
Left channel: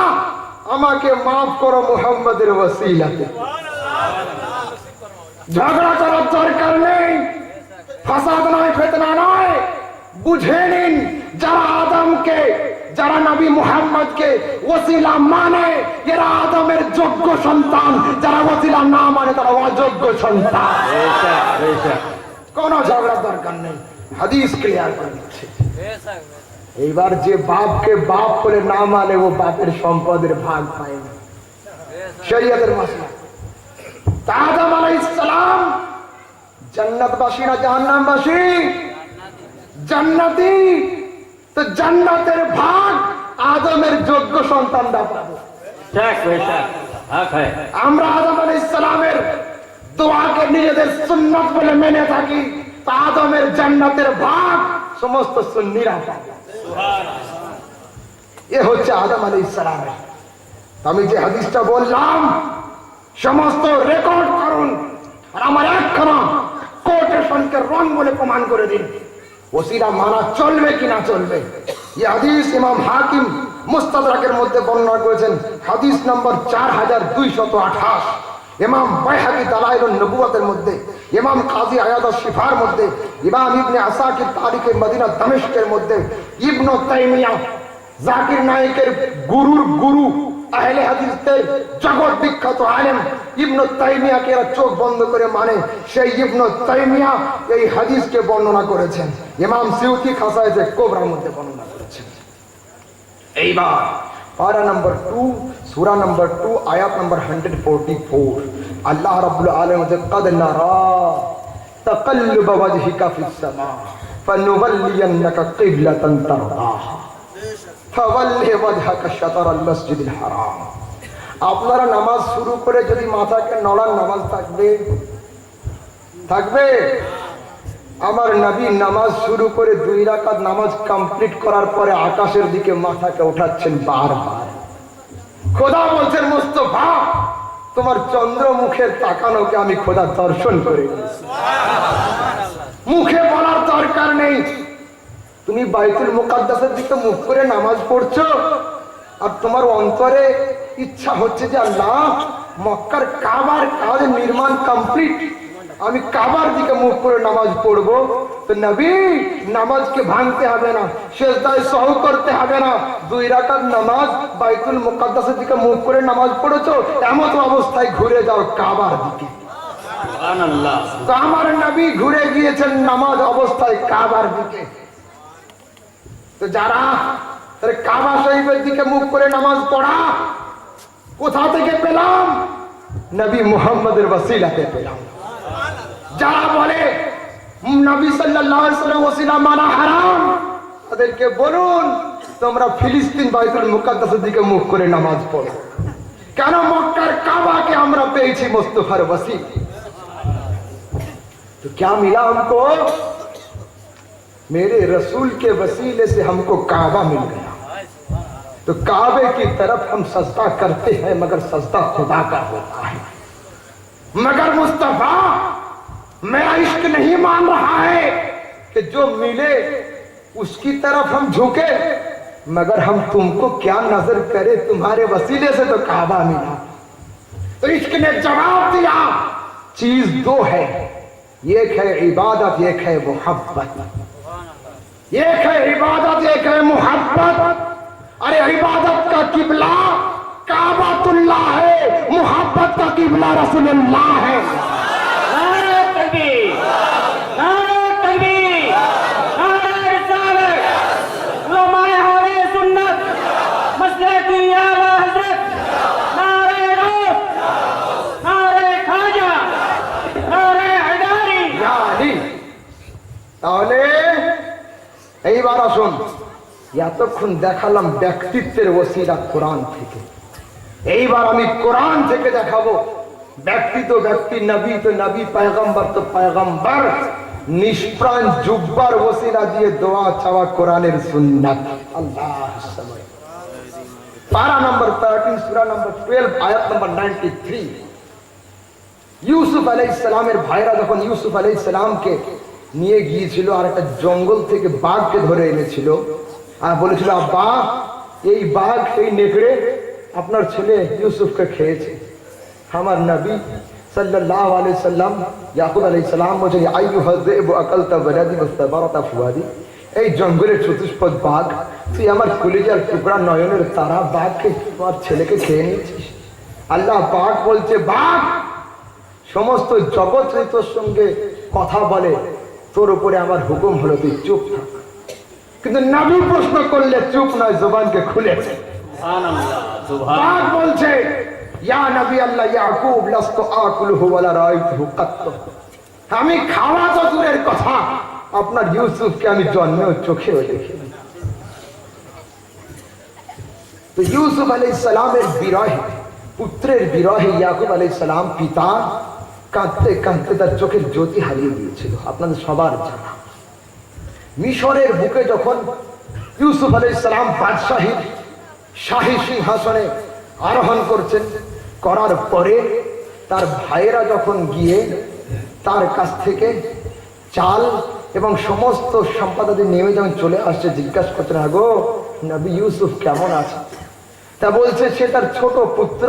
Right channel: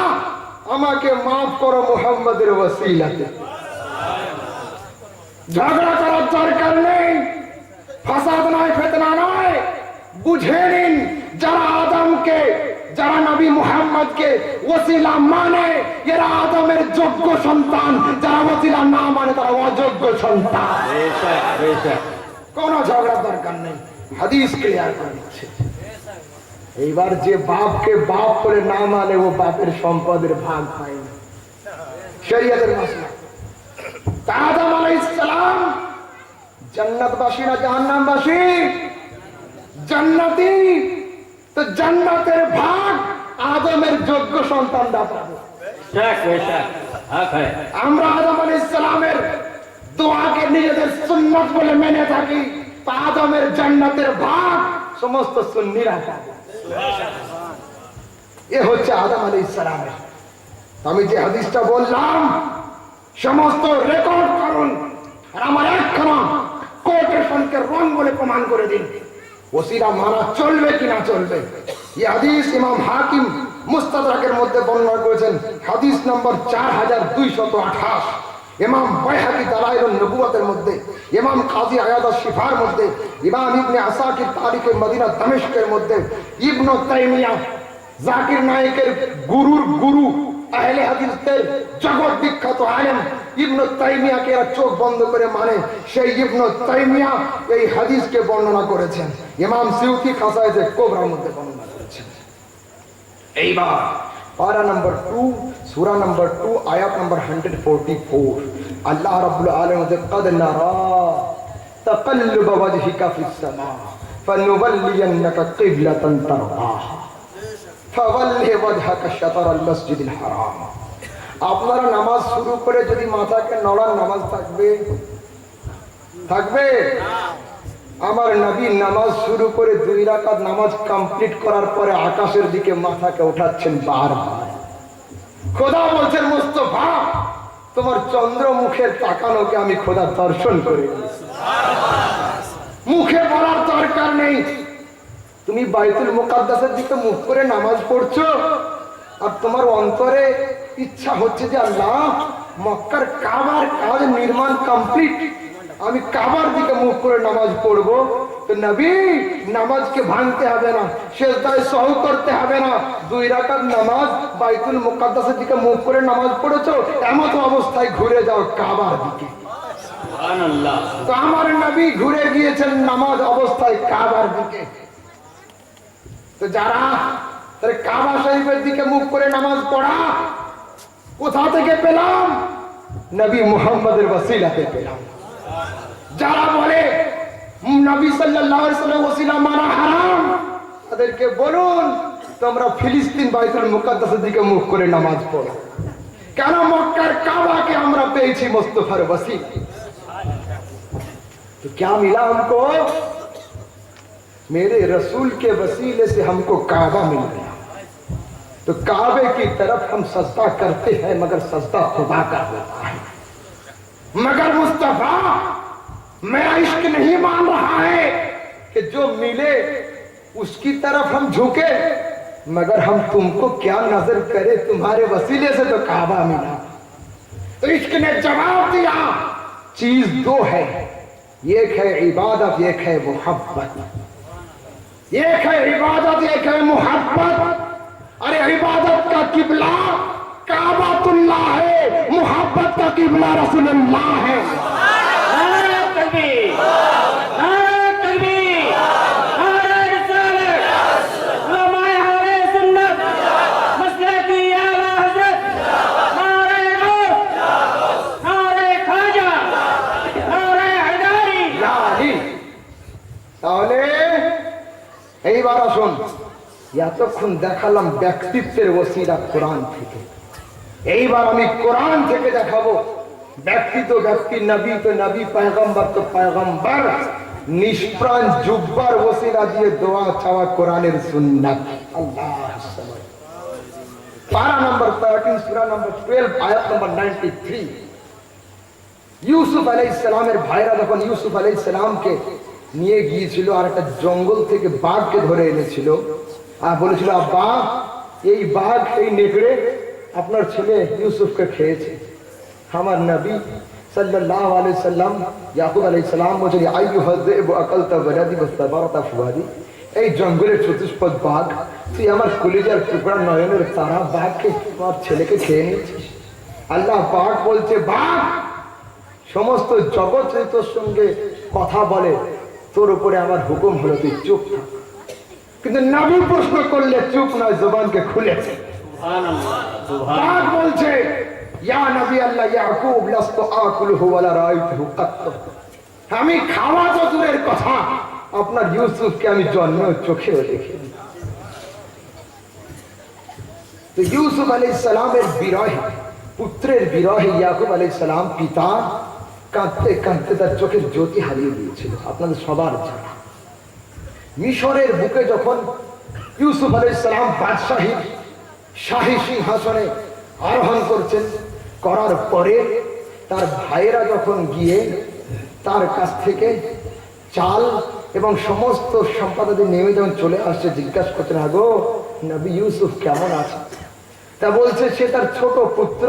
আমাকে মাফ করো মুহাম্মাদের ওসিলাতে। ঝগড়া করার দরকার নেই, ফাসাদ নয়, ফিতনা নয়, বুঝে নিন যারা আদমকে, যারা নবী মুহাম্মদকে ওসিলা মানে এরা আদমের যোগ্য সন্তান, যারা ওসিলা না মানে তারা অযোগ্য সন্তান। কোন ঝগড়ার দরকার নেই, হাদিস ক্লিয়ার করে দিচ্ছে। এইবার যে বাপকে বাপ করে না মানে ও বাপের সম্পদের ভাগ পায় না, শরীয়তের মাসলা। আদম আলাইহিস সালাম জান্নাতবাসী না জাহান্নামবাসী? জান্নাতি। তো জান্নাতের ভাগ আদমের যোগ্য সন্তান দাতা। আমরা আদম আলাইহিস সালামের দোয়াকে নিজেদের সুন্নাত বলে মেনে থাকি, তা আদমের জান্নাতের ভাগ সমস্ত সুন্নিরা পাবে। এ হচ্ছে আদম আলাইহিস সালামের। আমি যে হাদিসটা বললাম সমস্ত রেকর্ড করুন, আর আমার একখানা কোটেশনকে রং বলে প্রমাণ করে দিন ওসিলা মানা চলবে কিনা চলবে। এই হাদিস ইমাম হাকিম মুস্তাদরাকের মধ্যে বর্ণনা করেছেন, হাদিস নম্বর 4228, ইমাম বাইহাকি দালাইলুন নবুওয়াতের মধ্যে, ইমাম কাজী আয়াদ শিফার মধ্যে, ইমাম ইবনে আসাকির তারিখে মদিনা দামেস্কের মধ্যে, ইবনে তাইমিয়া জাকির নায়েকের গুরুর গুরু আহলে হাদিসের জগৎ বিখ্যাত আলেম ইবনে তাইমিয়াকে এরা চোখ বন্ধ করে মানে, সেই ইবনে তাইমিয়া এই হাদিসকে বর্ণনা করেছেন। ইমাম সিউতি খাসায়েতে কোবরার মধ্যে বর্ণনা করেছেন। এইবার পারা নম্বর 2 সূরা নম্বর 2 আয়াত নম্বর 144 আল্লাহ রাব্বুল আলামিন বলেন قد نرى تقلب وجهك في السماء فنولينك قبلة ترضاها فول وجهك شطر المسجد الحرام। আপনারা নামাজ শুরু করে যদি মাথাকে নড়ান নামাজ থাকবে? থাকবে? আমার নবী নামাজ শুরু করে 2 রাকাত নামাজ কমপ্লিট করার পরে আকাশের দিকে মাথাকে ওঠাচ্ছেন বারবার। খোদা বলছেন মুস্তাফা তোমার চন্দ্র মুখের তাকানোকে আমি খোদা দর্শন করে নিয়েছি। মুখে বলার দরকার নেই, তুমি বাইতুল মুকাদ্দাসের দিকে মুখ করে নামাজ পড়ছো আর তোমার অন্তরে ইচ্ছা হচ্ছে যে আল্লাহ মক্কার কাবার কাজ নির্মাণ কমপ্লিট, আমি কাবার দিকে মুখ করে নামাজ পড়বো। তো নবী নামাজকে ভাঙতে হবে না, সেজদায় সহু করতে হবে না, 2 রাকাত নামাজ বাইতুল মুকাদ্দাসের দিকে মুখ করে নামাজ পড়েছো, এমন অবস্থায় ঘুরে যাও কাবার দিকে। সুবহানাল্লাহ। তো আমার নবী ঘুরে গিয়েছেন নামাজ অবস্থায় কাবার দিকে। তো যারা কাবা শরীফের দিকে মুখ করে নামাজ পড়া কোথা থেকে পেলাম? নবী মুহাম্মদের ওসিলাতে পেলাম। যারা বলে নবী সাল্লাল্লাহু আলাইহি ওয়াসাল্লাম ওসিলা মানা হারাম, তাদেরকে বলুন তোমরা ফিলিস্তিন বাইতুল মুকাদ্দাসের দিকে মুখ করে নামাজ পড়ো। কেন? মক্কার কাবাকে আমরা পেয়েছি মুস্তাফার ওসিলা। तो क्या मिला हमको? मेरे रसूल के वसीले से हमको काबा मिल गया। तो काबे की तरफ हम सजदा करते हैं, मगर सजदा खुदा का होता है। मगर मुस्तफा मेरा इश्क नहीं मान रहा है कि जो मिले उसकी तरफ हम झुके, मगर हम तुमको क्या नजर करे, तुम्हारे वसीले से तो काबा मिला। तो इश्क ने जवाब दिया चीज 2 है, एक है इबादत, एक है मोहब्बत। एक है इबादत, एक है मोहब्बत। अरे इबादत का किबला काबातुल्लाह है, मोहब्बत का किबला रसूलुल्लाह है। नारे तकबीर, नारे तकबीर, नारे रिसालत, उलमाए अहले सुन्नत, मसलकी आला हजरत, नारे गौस, नारे खाजा, তাহলে এইবার আসুন, এতক্ষণ দেখালাম ব্যক্তিত্বের ওসিলা কোরআন থেকে, এইবার আমি কোরআন থেকে দেখাবো ব্যক্তি তো ব্যক্তি, নবী তো নবী, পয়গম্বর তো পয়গম্বর, নিষ্প্রাণ জুব্বার ওসিলা দিয়ে দোয়া চাওয়া কোরআনের সুন্নাত। আল্লাহ পারা নম্বর 13 সূরা নম্বর 12 আয়াত নম্বর 93। ইউসুফ আলাইহিস সালামের ভাইরা যখন ইউসুফ আলাইহিস সালামকে নিয়ে গিয়েছিল আর একটা জঙ্গল থেকে বাঘকে ধরে এনেছিল আর বলেছিল, আব্বা এই বাঘ এই নেকড়ে আপনার ছেলে ইউসুফকে খেয়েছে। আমার নবী সাল্লাল্লাহু আলাইহি সাল্লাম ইয়াকুব আলাইহিস সালাম বলেন, আইয়ুহাদ যিবু আকালতা ওয়ালাদি ওয়াস্তাবারতা ফুয়াদি, এই জঙ্গলের চতুষ্পদ বাঘ, তুই আমার কলিজার টুকরা নয়নের তারা বাঘকে, তোমার ছেলেকে খেয়ে নিয়েছিস। আল্লাহ পাক বলছে, বাঘ সমস্ত জগৎ তোর সঙ্গে কথা বলে, তোর উপরে আমার হুকুম হলো তুই চুপ থাক। কিন্তু নবী প্রশ্ন করলে চুপ নয়, জবানকে খুলেছে। বাঘ বলছে, ইয়া নবী আল্লাহ ইয়াকুব লাস্তু আকুলহু ওয়ালা রাআইতুহু কাত্ত, আমি খাওয়া তো দূরের কথা, আপনার ইউসুফকে আমি জন্মেও চোখেও দেখিনি। তো ইউসুফ আলাইহিস সালামের বিরহে, পুত্রের বিরহে ইয়াকুব আলাইহিস সালাম পিতা কাঁদতে কাঁদতে তার চোখের জ্যোতি হারিয়ে দিয়েছিল। আপনাদের সবার জানা, মিশরের বুকে যখন ইউসুফ আলাইহিস সালাম বাদশাহীর শাহী সিংহাসনে আরোহণ করছেন, করার পরে তার ভাইয়েরা যখন গিয়ে তার কাছ থেকে চাল এবং সমস্ত সম্পদাদি নেমে যখন চলে আসছে, জিজ্ঞাসা করছেন, আগো নবী ইউসুফ কেমন আছে? তা বলছে সে তার ছোট পুত্র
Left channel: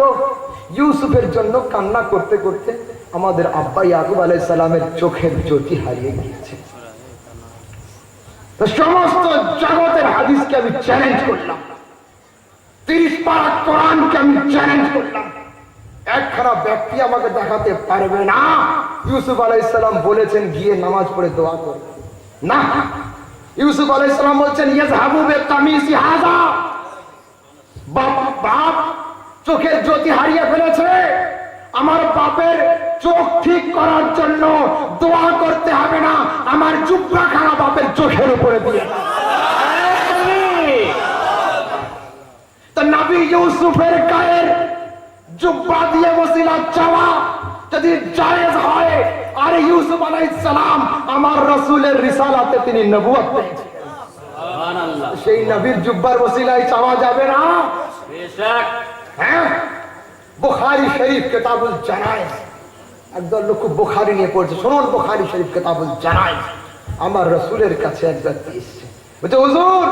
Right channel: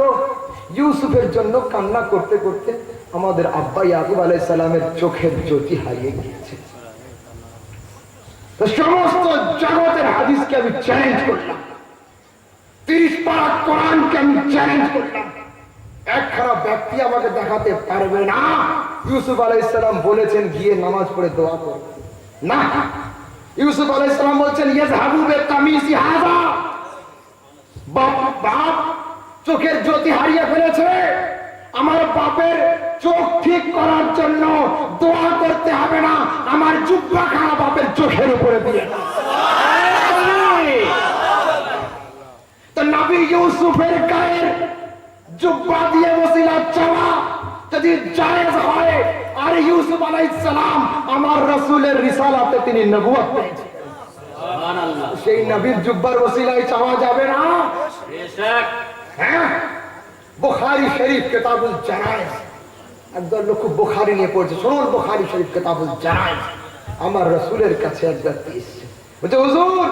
ইউসুফের জন্য কান্না করতে করতে আমাদের আব্বা ইয়াকুব আলাইহিস সালামের চোখের জ্যোতি হারিয়ে গিয়েছে। তো সমস্ত জগতের হাদিসকে আমি চ্যালেঞ্জ করলাম, 30 পারা কোরআনকে আমি চ্যালেঞ্জ করলাম, একখানা ব্যক্তি আমাকে দেখাতে পারবে না ইউসুফ আলাইহিস সালাম বলেছেন গিয়ে নামাজ পড়ে দোয়া করবে না। ইউসুফ আলাইহিস সালাম বলছেন, ইয়াযহাবু বিকামিসি হাযা, বাপ চোখের জ্যোতি হারিয়ে ফেলেছে, আমার বাপের চোখ ঠিক করার জন্য দোয়া করতে হবে না, আমার জুব্বা খানা বাপের চোখের উপরে দিয়ে। তো নবী ইউসুফের গায়ের জুব্বা দিয়ে ওসিলা চাওয়া যদি জায়েজ হয়, আর ইউসুফ আলাইহিস সালাম আমার রাসূলের রিসালাতে তিনি নবুয়ত পেয়েছেন, সুবহানাল্লাহ, সেই নবীর জুব্বার ওসিলায় চাওয়া যাবে না? বেশক। হ্যাঁ, বুখারী শরীফ কিতাবুল জানায়েজ, একদল লোক বুখারী নিয়ে পড়ছে, শুনুন বুখারী শরীফ কিতাবুল জানায়েজ, আমার রাসূলের কাছে এক ব্যক্তি এসেছে, বলছে, হুজুর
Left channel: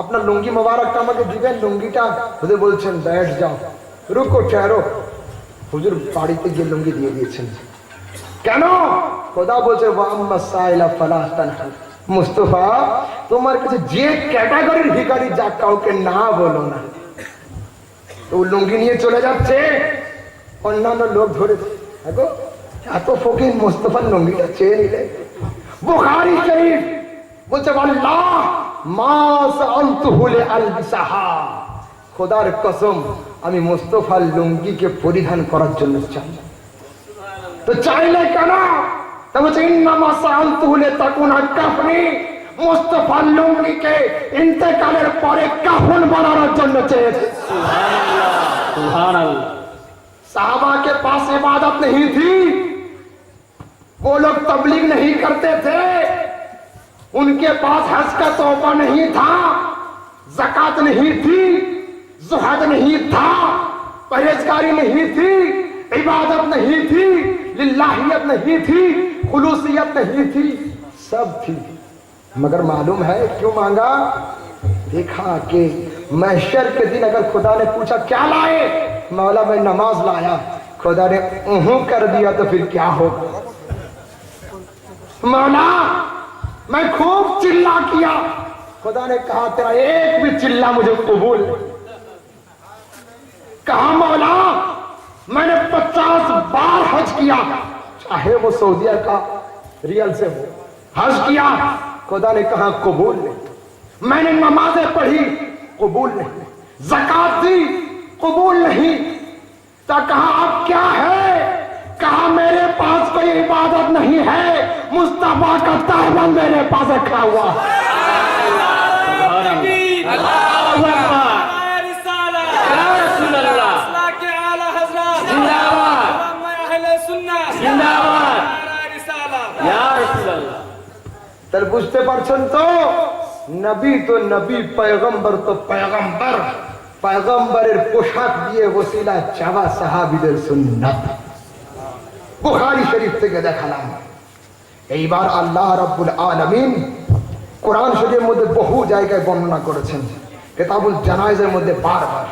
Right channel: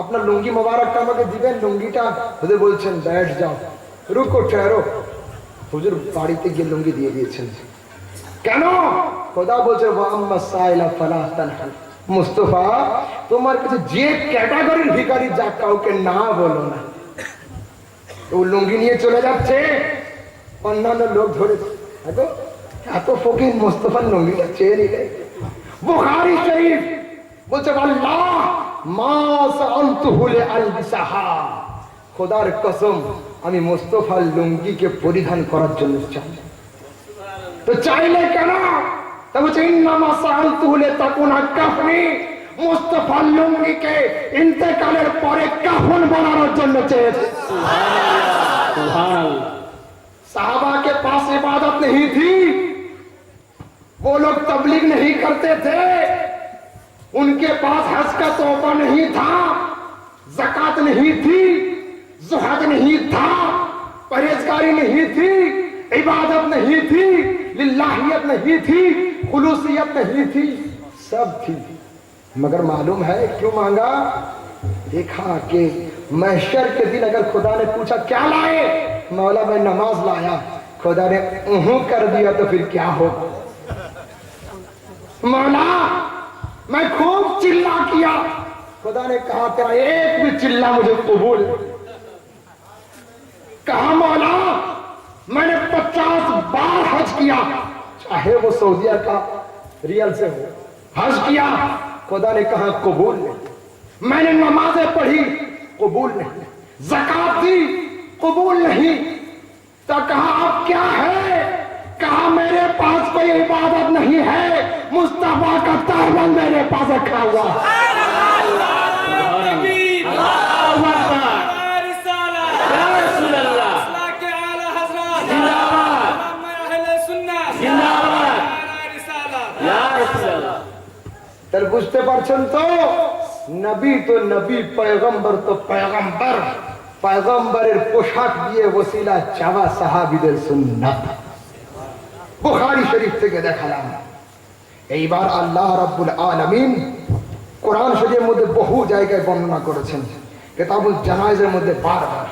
আপনার লুঙ্গি মোবারকটা আমাকে দিবেন, লুঙ্গিটা। হুজুর বলছেন, बैठ जाओ, रुको ठहरो। হুজুর বাড়িতে গিয়ে লুঙ্গি দিয়ে দিয়েছেন। কেন? খোদা বলছে, ওয়াম্মা সাইলা ফালা তানহাল, মুস্তাফা তোমার কাছে যে ক্যাটাগরির ভিখারি যা কাউকে না বলো না। ও লুঙ্গি নিয়ে চলে যাচ্ছে, অন্যান্য লোক ধরেছে, দেখো এত ফকির মুস্তাফার লুঙ্গিটা চেয়ে নিলে। বুখারী শরীফ বলছে, আল্লাহ মা সাআলতুহু লিআলবিসাহা, খোদার কসম আমি মুস্তাফার লুঙ্গিকে পরিধান করার জন্য চাই। তো চাইলে কেন? তা বলছে, ইন্নামা সাআলতুহু লিতাকুনা কাফনি, মুস্তাফার লুঙ্গিকে ইন্তেকালের পরে কাফন বানানোর জন্য চেয়েছে। সুবহানাল্লাহ। साहबा के पास इबादत नहीं थी, वो लोग तबलीग नहीं करते थे, उनके पास हज का तोहफा नहीं था, ज़कात नहीं थी, ज़ुहद नहीं था, परहेजगारी नहीं थी, इबादत नहीं थी, लिल्लाहियत नहीं थी, खुलूसियत नहीं थी, सब थी, मगर मालूम है क्यों मांगा? देखा कि महशर के दिन अगर खुदा ने पूछा क्या लाए, मौला मैं नमाज लाया, खुदा ने कर दिया तो फिर क्या हो? मौला मैं खूब चिल्ला किया, खुदा ने कहा तेरा एक भी चिल्ला मुझे कबूल। कहा मौला मैंने 50 बार हज किया, चाहे वो सऊदीया का रियल से हो, हज किया, खुदा ने कहा कबूल नहीं। मैंने नमाजें पढ़ी, कबूल नहीं, ज़कात दी, कबूल नहीं। तो कहा अब क्या है? कहा मेरे पास कोई इबादत नहीं है, मुस्तफा का तहबंद मेरे पास रखा हुआ। तर বুঝতে পারছেন তো নবী তো নবী পয়গম্বর তো পয়গম্বর পয়গম্বরের পোশাক দিয়ে ওসিলা চাওয়া সাহাবীদের সুন্নাত বুখারী শরীফ থেকে দেখালাম। এইবার আল্লাহ রাব্বুল আলামিন কোরআন শরীফের মধ্যে বহু জায়গায় বর্ণনা করেছেন, কিতাবুল জানায়েজের মধ্যে বারবার।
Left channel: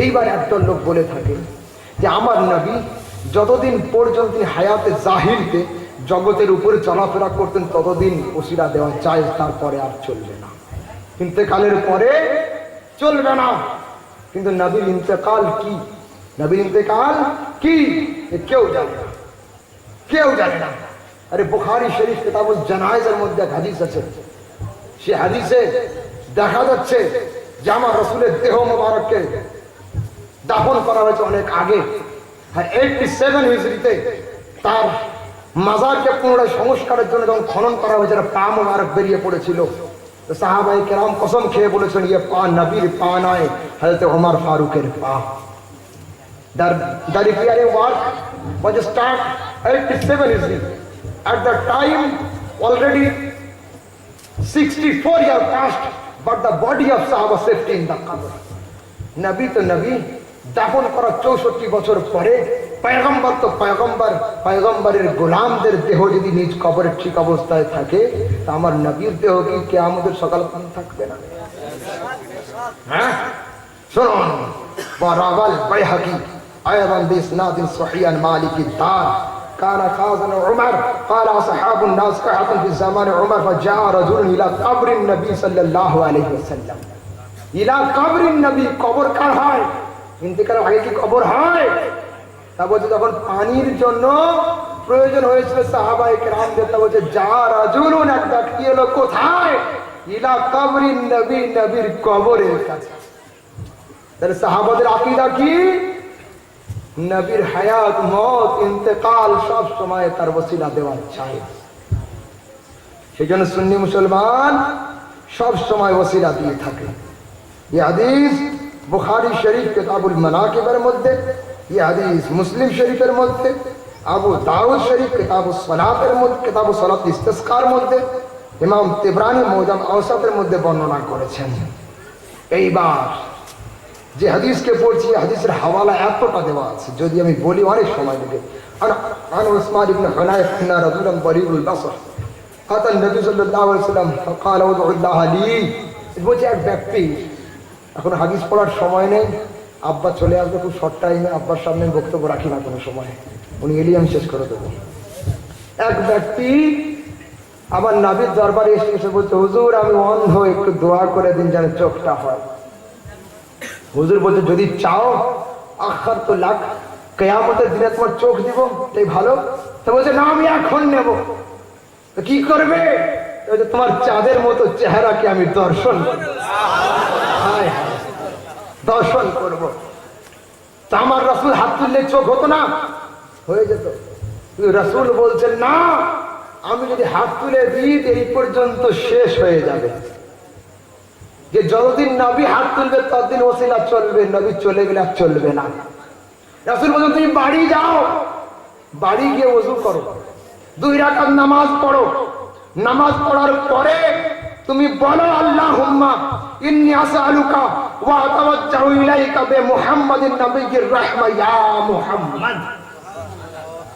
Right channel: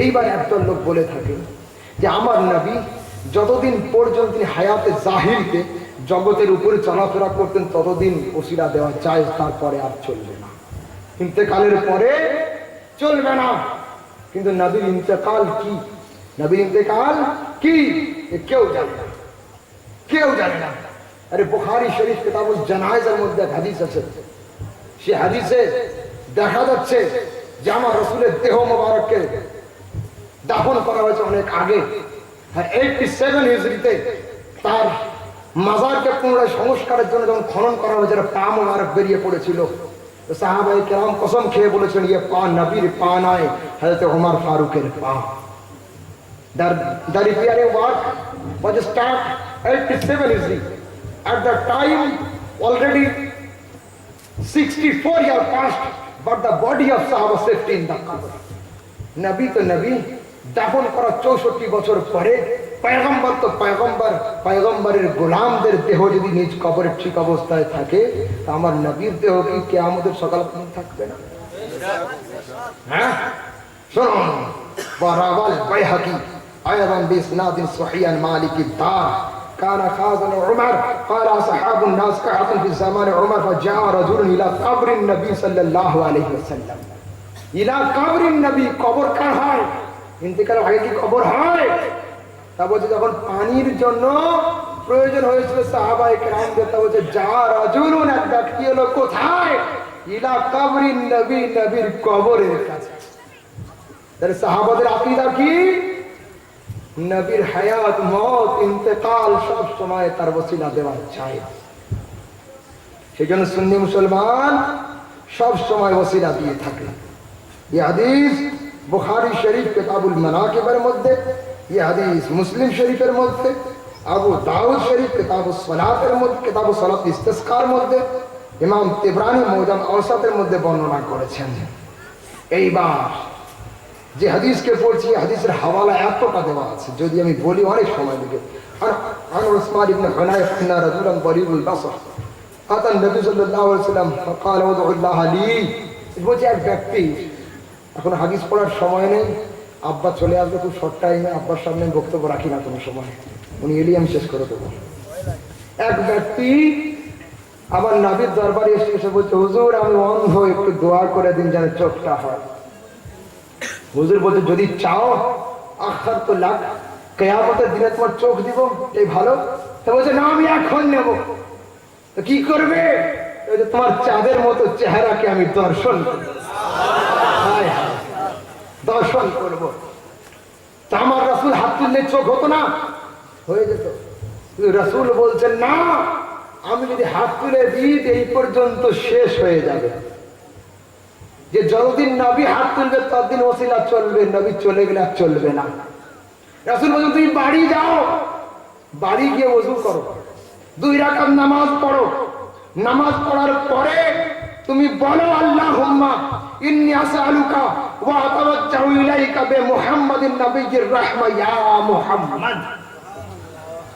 এইবার একজন লোক বলে থাকে যে আমার নবী যতদিন পর্যন্ত তিনি হায়াতে জাহিরতে জগতের উপরে চলাফেরা করতেন ততদিন ওসিলা দেওয়া চাই, তারপরে আর চলবে না, ইন্তেকালের পরে চলবে না। কিন্তু নবীর ইন্তেকাল কি, নবীর ইন্তেকাল কি কেউ জানে না, কেউ জানে না। আরে বুখারী শরীফ কিতাবুল জানায়েজের মধ্যে এক হাদিস আছে, সে হাদিসে দেখা যাচ্ছে যে আমার রাসূলের দেহ মোবারককে দাফন করা হয়েছে অনেক আগে, আর 87 হিজরিতে তার মাজারকে পুনরায় সংস্কারের জন্য যখন খনন করা হয়েছে পা মোবারক বেরিয়ে পড়েছিল, তো সাহাবায়ে কেরাম কসম খেয়ে বলেছেন ইয়ে পা নবীর পা নয়, হযরত ওমর ফারুকের পা। The repairing work was start 87 Hijri. At that time, already 64 years passed, but the body of Sahaba safety in the qabr. নবী তো নবী, দাফন করা 64 বছর পরে পয়গম্বর তো পয়গম্বর, পয়গম্বরের গোলামদের দেহ যদি নিজ কবরে ঠিক অবস্থায় থাকে, তা আমার নবীর দেহ কি কিয়ামতের সকাল পর্যন্ত থাকবে না? হ্যাঁ শুনুন, ওয়ারাওয়াল বাইহাকি أيضا بإسناد صحيح عن مالك الدار كان خازن عمر قال أصحاب الناس قعدوا في زمان عمر فجاء رجل إلى قبر النبي صلى الله عليه وسلم إلى قبر النبي قبر কার হয়? ইন্তেকালের আগে কি কবর হয়? তা বলছে যখন পানির জন্য প্রয়োজন হয়েছিল সাহাবায়ে কেরামদের, তা বলছে যা রাজুলুন, এক ব্যক্তি এলো কোথায়? ইলা কবরিন নবী, নবীর কবরের কাছে। তাহলে সাহাবাদের আকীদা কি? নবীর হায়াত মত ইন্তেকাল সব সময় তার ওসিলা দেওয়া চাই। সেজন্য সুন্নি মুসলমান সব সময় ওসিলা দিয়ে থাকে। এই হাদিস বুখারী শরীফ কিতাবুল মানাকিবের মধ্যে, এই হাদিস মুসলিম শরীফের মধ্যে, আবু দাউদ শরীফ কিতাবুস সালাতের মধ্যে, কিতাবুস সালাত ইস্তিসকার মধ্যে, ইমাম তিবরানী মুজাম আওসাতের মধ্যে বর্ণনা করেছেন। এইবার যে হাদিসকে পড়ছি, হাদিসের হাওয়ালা এতটা দেওয়া আছে, যদি আমি বলি অনেক সময় লাগে। আর উসমান ইবনে হুনায়ফ আন্না রাজুলান বরিউল বাসর কাতান নবী সাল্লাল্লাহু আলাইহি ওয়াসাল্লাম ফাকাল উদউল্লাহ লি, বলছে এক ব্যক্তি, এখন হাদিস পড়ার সময় নেই, আব্বা চলে আসবে খুব শর্ট টাইমে, আব্বার সামনে বক্তব্য রাখি না কোনো সময়, উনি এলি আমি শেষ করে দেবো। এক ব্যক্তি আমার নবীর দরবারে এসে বলছে হুজুর আমি অন্ধ, একটু দোয়া করে দিন যেন চোখটা হয়। হুজুর বলতে যদি চাও আখার তো লাখ, কিয়ামতের দিনে তোমার চোখ দিব, এই ভালো। তো বলছে না আমি এখন নেব। তো কি করবে? তোমার চাঁদের মতো চেহারাকে আমি দর্শন করব, দর্শন করব। তা আমার রাসূল হাত তুললে চোখ হতো না? হয়ে যেত। রাসূল বলছেন না, আমি যদি হাত তুলে দিই এই পর্যন্ত শেষ হয়ে যাবে, যে যতদিন নবী হাত তুলবে ততদিন ওসিলা চলবে, নবী চলে গেলে আর চলবে না। রাসূল বলেন তুমি বাড়ি যাও, বাড়ি গিয়ে ওযু করো, 2 রাকাত নামাজ পড়ো, নামাজ পড়ার পরে তুমি বলো আল্লাহুম্মা ইন্নী আসআলুকা ওয়া আতাওয়াজ্জাহু ইলাইকা বিমুহাম্মাদিন নবিয়্যির রাহমা ইয়া মুহাম্মদ।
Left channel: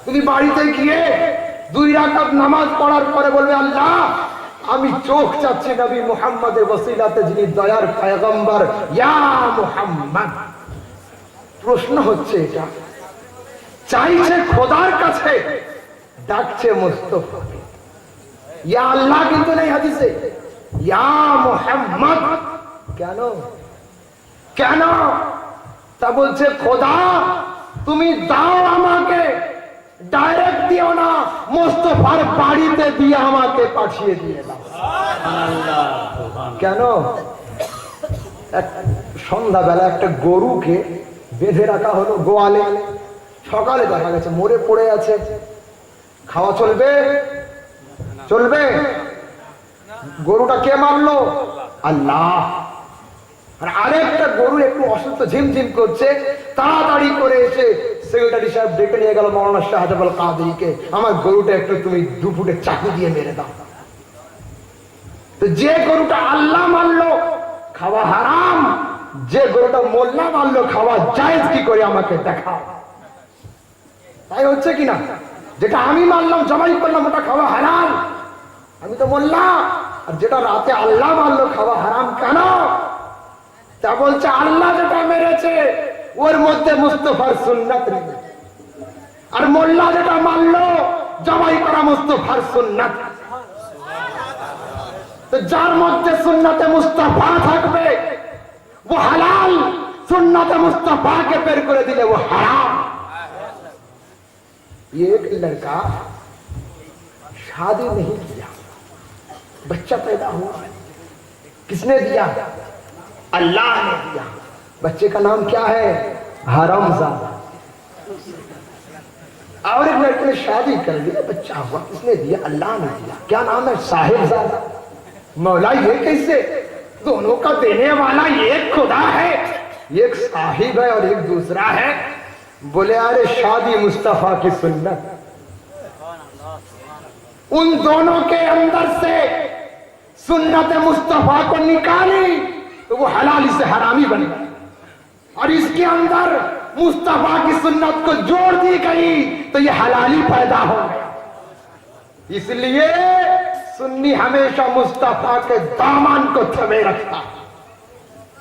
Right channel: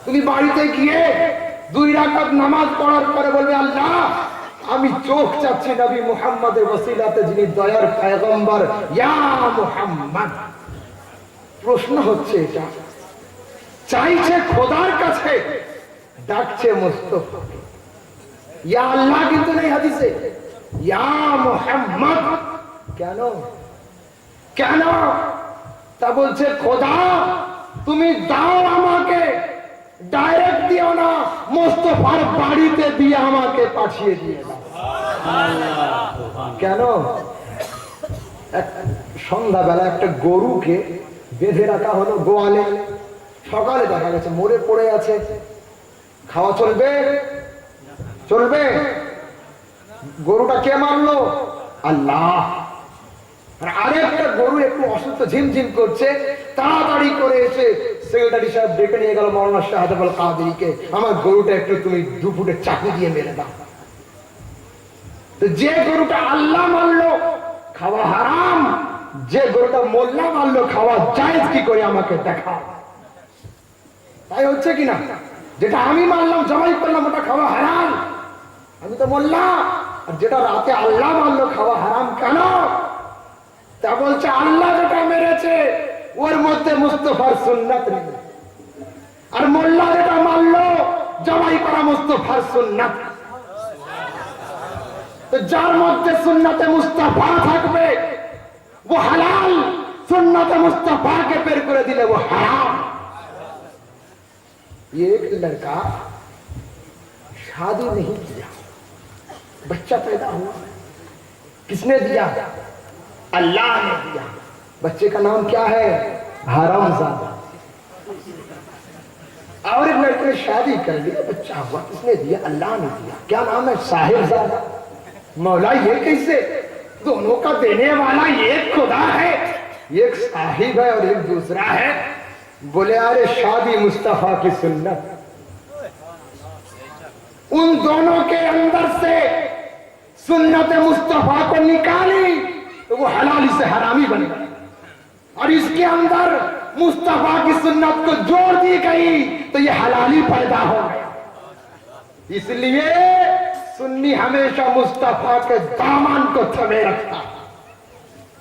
তুমি বাড়িতে গিয়ে 2 রাকাত নামাজ পড়ার পরে বলবে আল্লাহ আমি চোখ চাচ্ছি নবী মুহাম্মদের ওসিলাতে যিনি দয়ার পয়গম্বর, ইয়া মুহাম্মদ। প্রশ্ন হচ্ছে এটা, চাইছে খোদার কাছে, ডাকছে মুস্তাফাকে, ইয়া আল্লাহ কিন্তু নেই হাদিসে, ইয়া মুহাম্মদ। কেন কেন? তা বলছে খোদা তুমি দাও আমাকে, ডাইরেক্ট দিও না, মুস্তাফার বাড়িতে দিয়ে আমাকে পাঠিয়ে দিয়ে দাও। কেন? এক সন্ধ্যাবেলা একটা গরুকে বেঁধে রাখা হলো গোয়ালে, সকালে দেখা গেছে মরে পড়ে আছে, খাওয়া চলবে? চলবে? গরুটা কে মারলো? আল্লাহ। আর আরেকটা গরু একটু অসুস্থ, ঝিমঝিম করছে, তাড়াতাড়ি করে এসে সেক্রেটারি সাহেব ডেকে নিয়ে গেল মাওলানা শাহাদাত আল কাদেরীকে, আমার গরুটা একটু তুমি 2 ফুটের চাকু দিয়ে মেরে দাও। তো যে গরুটা আল্লাহ মারলো খাওয়া হারাম, যে গরুটা মোল্লা মারলো খাওয়া জায়েজ কি করে আমাকে দেখাও। তাই হচ্ছে কিনা? যেটা আমি মারলাম, জবাই করলাম, ওটা খাওয়া হারাম, আমি তো মোল্লা। আর যেটা রাতে আল্লাহ মারলো খাওয়া হারাম কেন? তা বলছে আল্লাহ যেটা মেরেছে ওর মধ্যে মুস্তাফার সুন্নাত নেই, আর মোল্লা যেটা মারলো জবাই করা মুস্তাফার সুন্নাত। তো যার মধ্যে সুন্নাতে মুস্তাফা থাকবে वो हलाल, सुन्नत मुस्तफा के पेर कर दिले वो हराम। ये एक लड़का शादी नहीं किया, बच्चा पैदा हुआ, किसने दिया? अल्लाह ने दिया। बच्चे का नाम क्या है? हरामजादा। और एक लड़के ने शादी कर ली, बच्चा हुआ, किसने दिया? अल्लाह ने दिया। क्या नाम है? साहिबजादा। मौला ये कैसे? दोनों का देने वाला एक खुदा है, एक साहिब है और एक दूसरा है। बोले अरे शादी मुस्तफा की सुन्नत, उन दोनों के अंदर से सुन्नत मुस्तफा को निकाली तो वो हलाली से हरामी बन गया, और इसके अंदर मुस्तफा की सुन्नत को जोड़ दी गई तो ये हलाली पैदा हो गया। इसलिए सुन्नी हमेशा मुस्तफा के दामन को थमे रखता,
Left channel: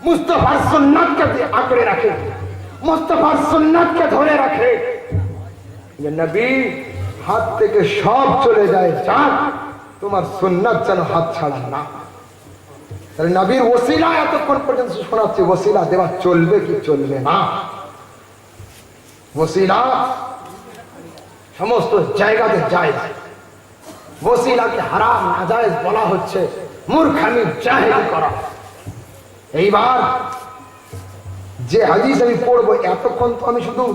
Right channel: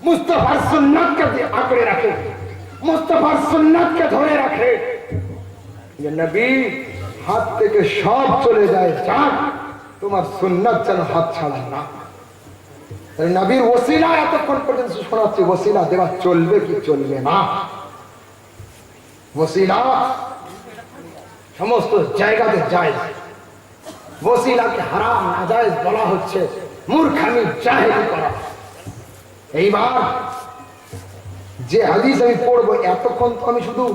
मुस्तफा सुन्नत के आंकड़े रखे, मुस्तफा सुन्नत के धोने रखे। ये नबी हाथ থেকে সব চলে যায়, যাক তোমার সুন্নাত যেন হাত ছাড়া না। তাহলে নবীর ওসিলা এতক্ষণ পর্যন্ত শোনাচ্ছে, ওসিলা দেওয়া চলবে কি চলবে না? ওসিলা সমস্ত জায়গাতে যায়, ওসিলাকে হারাম নাজায়েজ বলা হচ্ছে, মূর্খামি জাহেলি করা। এইবার যে হাদিস আমি পড়বো, এতক্ষণ তো আমি শুধু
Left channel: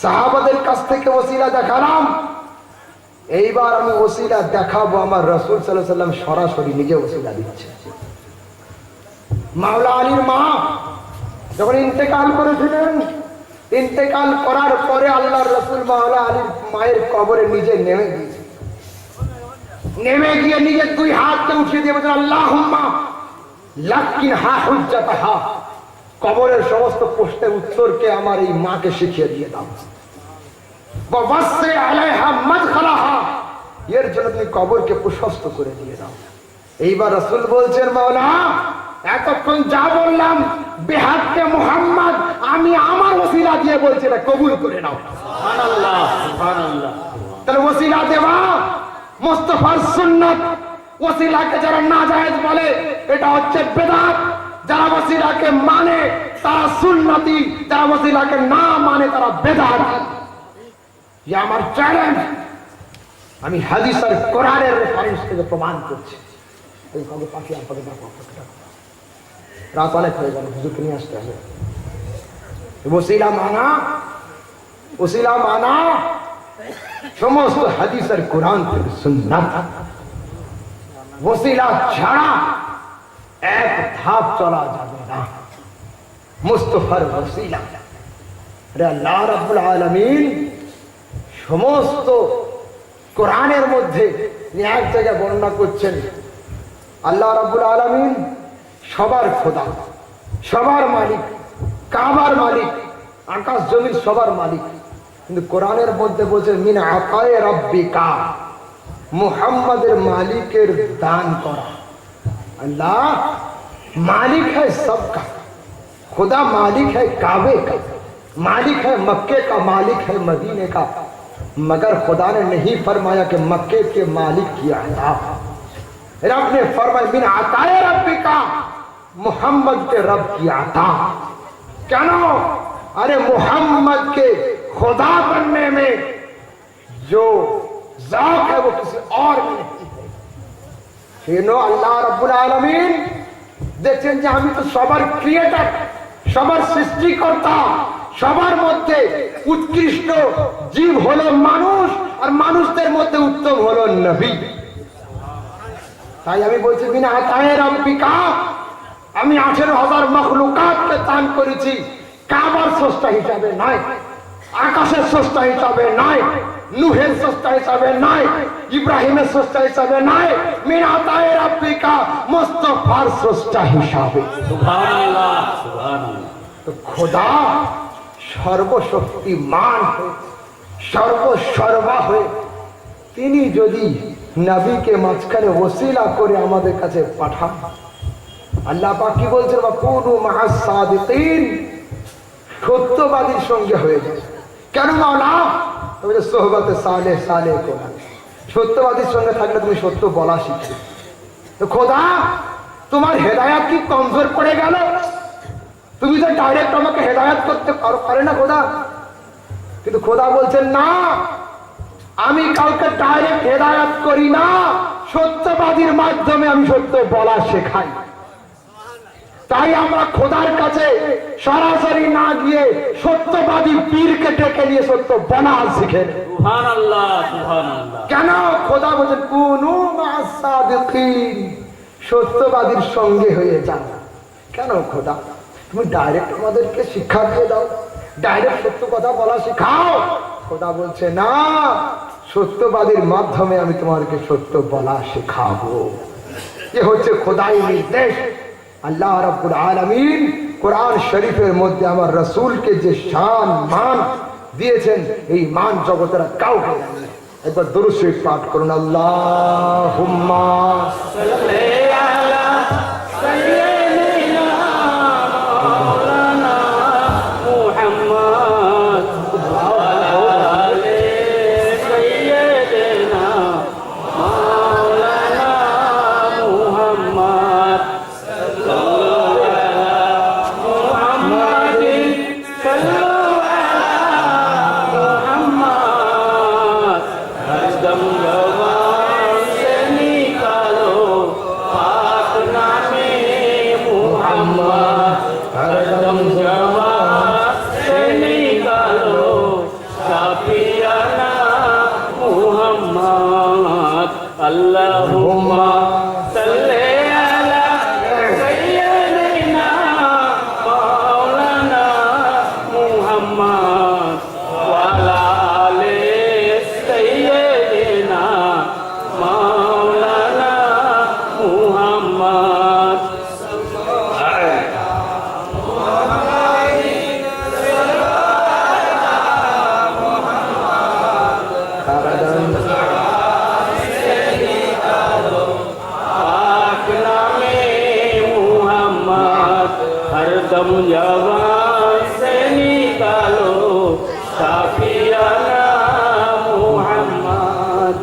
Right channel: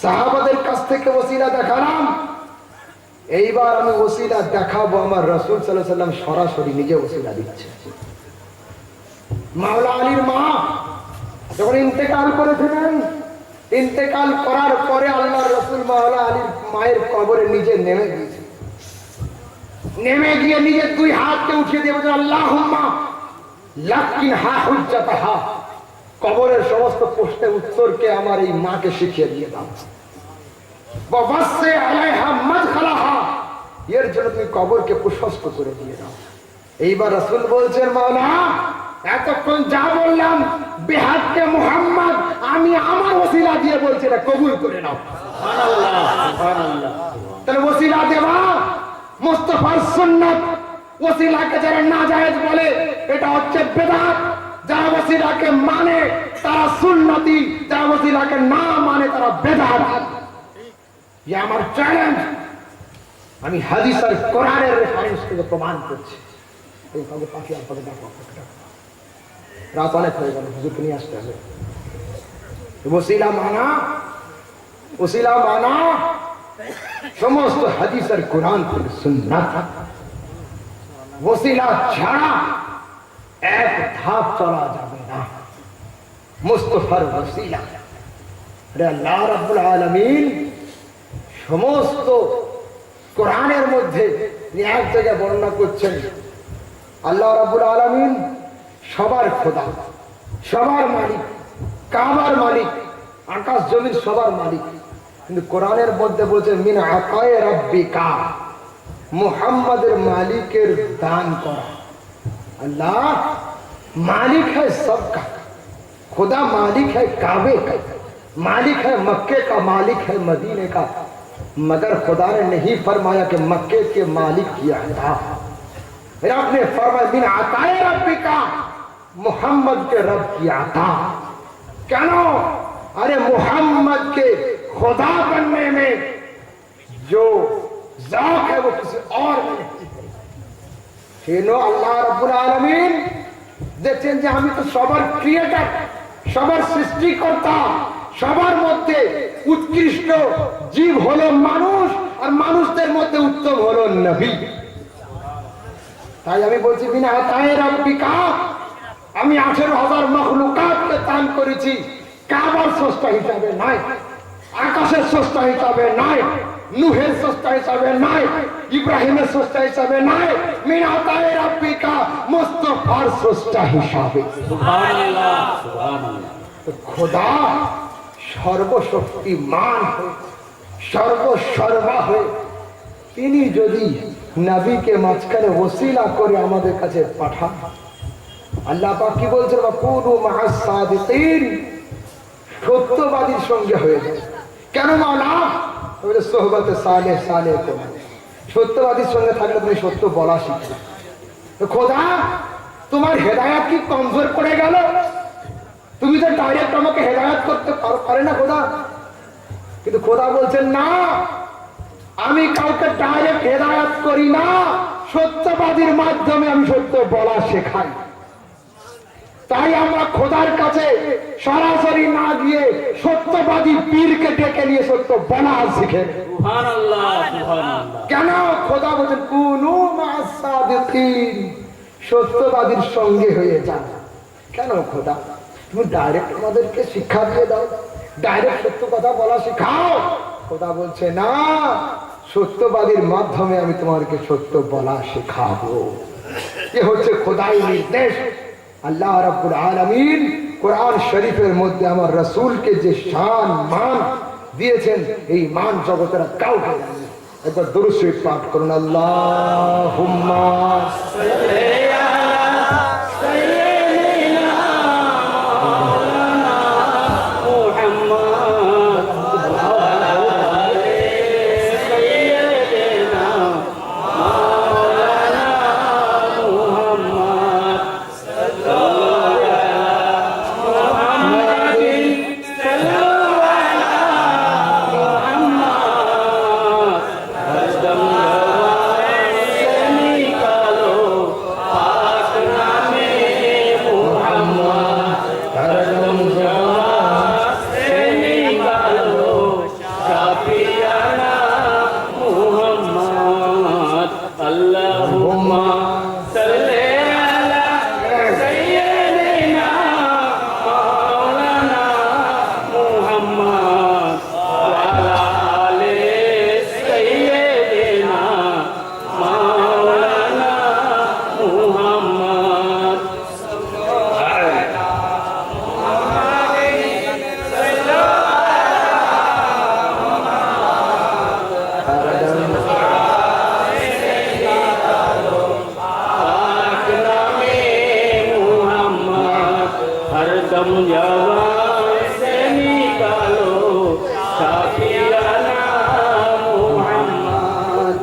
সাহাবাদের কাছ থেকে ওসিলা দেখালাম, এইবার আমি ওসিলা দেখাবো আমার রাসূল সাল্লাল্লাহু আলাইহি ওয়াসাল্লাম সরাসরি নিজে ওসিলা দিচ্ছে। মাওলা আলীর মা যখন ইন্তেকাল করেছিলেন, ইন্তেকাল করার পরে আল্লাহর রাসূল মাওলা আলীর মায়ের কবরে নিজে নেমে গিয়েছে, নেমে গিয়ে নিজের 2 হাতকে উঠিয়ে দিয়ে বলেন আল্লাহুম্মা লাকিনহা হুজ্জাতাহা, কবরের সমস্ত প্রশ্নের উত্তরকে আমার এই মাকে শিখিয়ে দিয়ে দাও। ওয়াসি আলাইহা মাদখালাহা, এর জন্য তুমি কবরকে প্রশস্ত করে দিয়ে দাও। এইবার রাসূল বলছেন মাওলা এতক্ষণ যা বললাম বিহাক্কে মুহাম্মদ, আমি আমার ওসিলা দিয়ে বলছি, এটা কবুল করে নাও। সুবহানাল্লাহ, সুবহানাল্লাহ। তাহলে ওসিলা দেওয়া মুস্তাফার সুন্নাত। ওসিলাকে যারা নাজায়েজ বলে এটা হচ্ছে বিদআত, যারা ওসিলাকে মানে তারা সুন্নতি, যারা ওসিলাকে না মানে তারা বিদআত। ये আমার চ্যালেঞ্জ, আমি হাদিস আর কোরআনের রেফারেন্স থেকে প্রমাণ করছি। এই কাজে পাখি আসলে দেখো রাত অনেক হয়ে গেল, হুজুরকে নিয়ে আসতে হবে। ওসিলা মানা, ওসিলা মানা সমস্ত হাদিস আর কোরআন থেকে সুন্নাত। ওসিলা ছাড়া এক ধাপ চলা যাবে না। মুস্তাফার ওসিলা, আরে আল্লাহ রাব্বুল আলামিন সমস্ত কোরআনের মধ্যে এক জায়গায় বর্ণনা করছেন, আল্লাহ রাব্বুল আলামিন সবার খোদা, সবার মালিক, কাবার মালিক, আকাশ জমিন সবার মালিক। কিন্তু কোরআনের মধ্যে বলছেন মিন আতায়ে রাব্বিকা, মুহাম্মাদের মালিকের দান করা। अल्लाह मालिक है सबका, खुदा मालिक है काबे का, मालिक है मक्के का, मालिक है मदीने का, मगर खुदा ने नहीं फरमाया कि मक्के के मालिक किया था। रब ने फरमाया बिन अताए रब्बी का, मोहम्मद के रब किया था। क्या नो? अरे मोहम्मद के खुदा बनने में जो ज़ौक़ है वो किसी और में नहीं। আল্লাহ রাব্বুল আলামিন দেখছেন যে আমি তো সবার ক্রিয়েটর, সবার সৃষ্টিকর্তা, সবার মধ্যে উৎকৃষ্ট জীব হলো মানুষ, আর মানুষদের মধ্যে উত্তম হলো নবী। তাই আমি বলছি বিনা আতায়ে রাব্বিকা, আমি 18,000 মখলুকাতকে দান করেছি, কাবার স্রষ্টা হিসাবে নয়, আকাশের স্রষ্টা হিসাবে নয়, নূহের স্রষ্টা হিসাবে নয়, ইব্রাহিমের স্রষ্টা হিসাবে নয়, মিন আতায়ে রাব্বিকা, মুস্তাফার স্রষ্টা হিসাবে। সুবহানাল্লাহ, সুবহানাল্লাহ। তো খোদা সর্বশক্তিমান হয়ে, সর্বসর্বা হয়ে, তিনি যদি নবীকে মাঝখানে ওসিলা করে আমাদের কাছে পাঠান, আল্লাহ পাক কি বলছেন, ওয়াকুনু মা'আস সাদিকিন, সত্যবাদীর সঙ্গে হয়ে যায়। কেন মাওলা? ওই যে সোহবতে সালেহ সালেহ, সত্যবাদীর সঙ্গে থাকলে তুমি সত্য বলা শিখবে। তো খোদা তোমার হেদায়াত কি কমজোর পড়ে গেল? তুমি তো ডাইরেক্ট আমাকে হেদায়াত করতে পারে না খোদা। কিন্তু খোদা বলছেন না, আমি কাউকে ডাইরেক্ট হেদায়াত করি না, সত্যবাদীর মাধ্যমে আমি সত্য বলা শেখাই। তাই আমরা খোদার কাছে সরাসরি না গিয়ে সত্যবাদী পীরকে ডেকে নিয়ে সত্য বলা শিখে। সুবহানাল্লাহ, সুবহানাল্লাহ। কেন? খোদা বলছেন কুনু মা'আস সাদিকিন, সত্যবাদীর সঙ্গে হয়ে যাও। কেন খোদা তুমি ডাইরেক্ট আমাদেরকে শিক্ষা দিয়ে দাও, ডাইরেক্ট সত্য কথা বলা শিখাও? খোদা বলছে না, সত্যবাদীর মাধ্যমে আমি তোমাকে সত্য বলা শেখাবো। এ হচ্ছে খোদাই নির্দেশ। আল্লাহ রাব্বুল আলামিন কোরআন শরীফের মধ্যে আমার রাসূলকে যে শান মান দিয়েছেন, এই মান জগতের কাউকে দেননি। একবার দুরূদ শরীফ পাঠ করুন, আল্লাহুম্মা সাল্লি আলা সাইয়্যিদিনা মুহাম্মদ ওয়া আলা আলি সাইয়্যিদিনা মাওলানা মুহাম্মদ সাল্লাল্লাহু আলা মুহাম্মাদিন সাল্লাল্লাহু আলা মুহাম্মদ হরদম से निकालो पाक नामे मुहम्मद, हरदम से निकालो शाफियाना मुहम्मद। अल्लाहुम्मा सल्ली अला सय्यिदिना मौलाना मुहम्मद व अला आलि सय्यिदिना मौलाना मुहम्मद। पाक नामे मुहम्मद, हरदम जवान से निकालो शाफियाना मुहम्मद।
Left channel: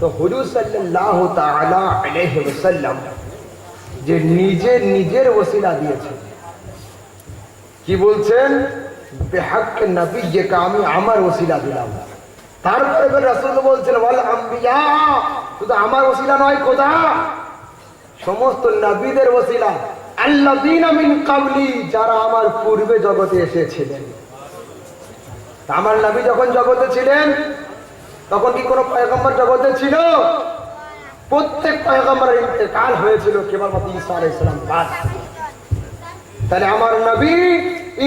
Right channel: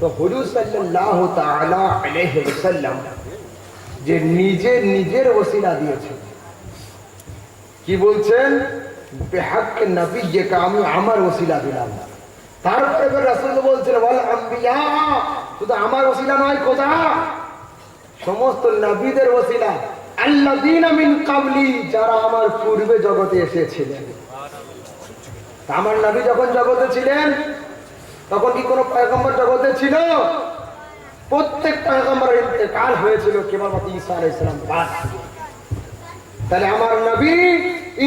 তো হুজুর সাল্লাল্লাহু তাআলা আলাইহি ওয়াসাল্লাম যে নিজের ওসিলা দিয়েছেন, কি বলছেন? বিহাক্কে নবিয়্যিকা, আমি আমার ওসিলা দিলাম। তারপরে রাসূল বলছেন ওয়াল আম্বিয়া, শুধু আমার ওসিলা নয় খোদা, সমস্ত নবীদের ওসিলা, আল্লাযীনা মিন ক্বাবলি, যারা আমার পূর্বে জগতে এসেছিলেন। আমার নবী যখন জগতে ছিলেন তখন কি কোনো পয়গম্বর জগতে ছিল? প্রত্যেক পয়গম্বরের ইন্তেকাল হয়েছিল কেবলমাত্র ঈসা আলাইহিস সালাম বাদ। তাহলে আমার নবী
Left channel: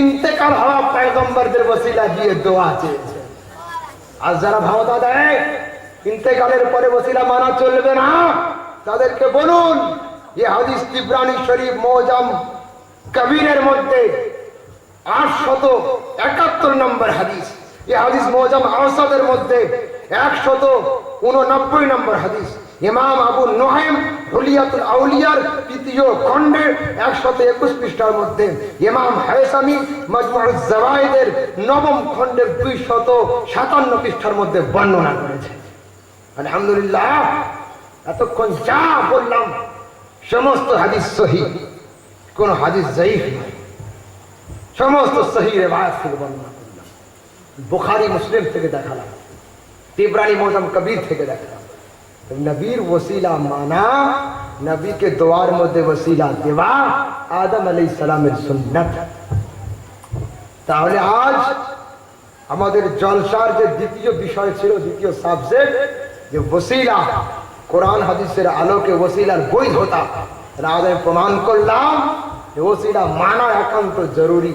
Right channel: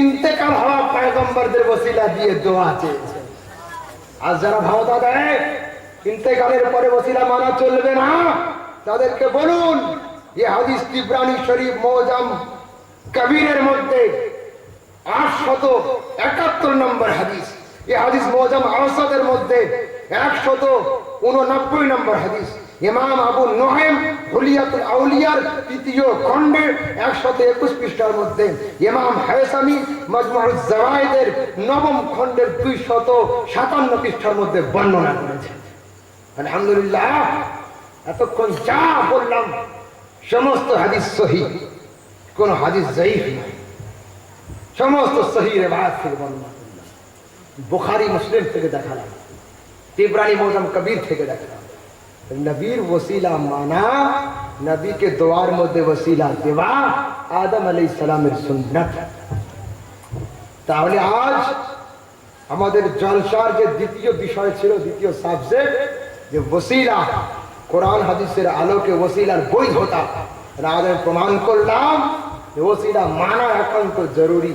ইন্তেকাল হওয়া পয়গম্বরদের ওসিলা দিয়ে দোয়া চেয়েছে। আর যারা ভাওতা দেয় ইন্তেকালের পরে ওসিলা মানা চলবে না, তাদেরকে বলুন এই হাদিস তিবরানী শরীফ মুআজাম কবিরের মধ্যে 871 নম্বর হাদিস, এই হাদিস মুআজাম আওসাদের মধ্যে 189 নম্বর হাদিস, ইমাম আবু নুআইম হুলিয়াতুল আউলিয়ার 3য় খণ্ডের 121 পৃষ্ঠার মধ্যে, ইমাম হায়সামি মাজমুউজ জাওয়ায়েদের 9ম খণ্ডের 257 পৃষ্ঠার মধ্যে বর্ণনা করেছেন। আলহামদুলিল্লাহ, এতক্ষণ যা বললাম সমস্ত হাদিস সহিহ, কোন হাদিস যায়ীফ নয়, সমস্ত সহিহ রিওয়ায়াত থেকে বর্ণনা করলাম। বুখারী মুসলিম থেকে দেখালাম, তিবরানী মুআজাম কবির থেকে দেখালাম। নবীর ওসিলা মানা, নবীকে দোয়ার মধ্যে ওসিলা দেওয়া আদম আলাইহিস সালামের সুন্নাত। তাহলে আজ আমাদের জলসার যে দ্বিতীয় বিষয় ছিল, দ্বিতীয় সাবজেক্ট, যে ওসিলা কোরআন হাদিসের আলোকে ওসিলার বৈধতা আজ আমি প্রমাণ করলাম যে ওসিলা মানা একান্ত জরুরি।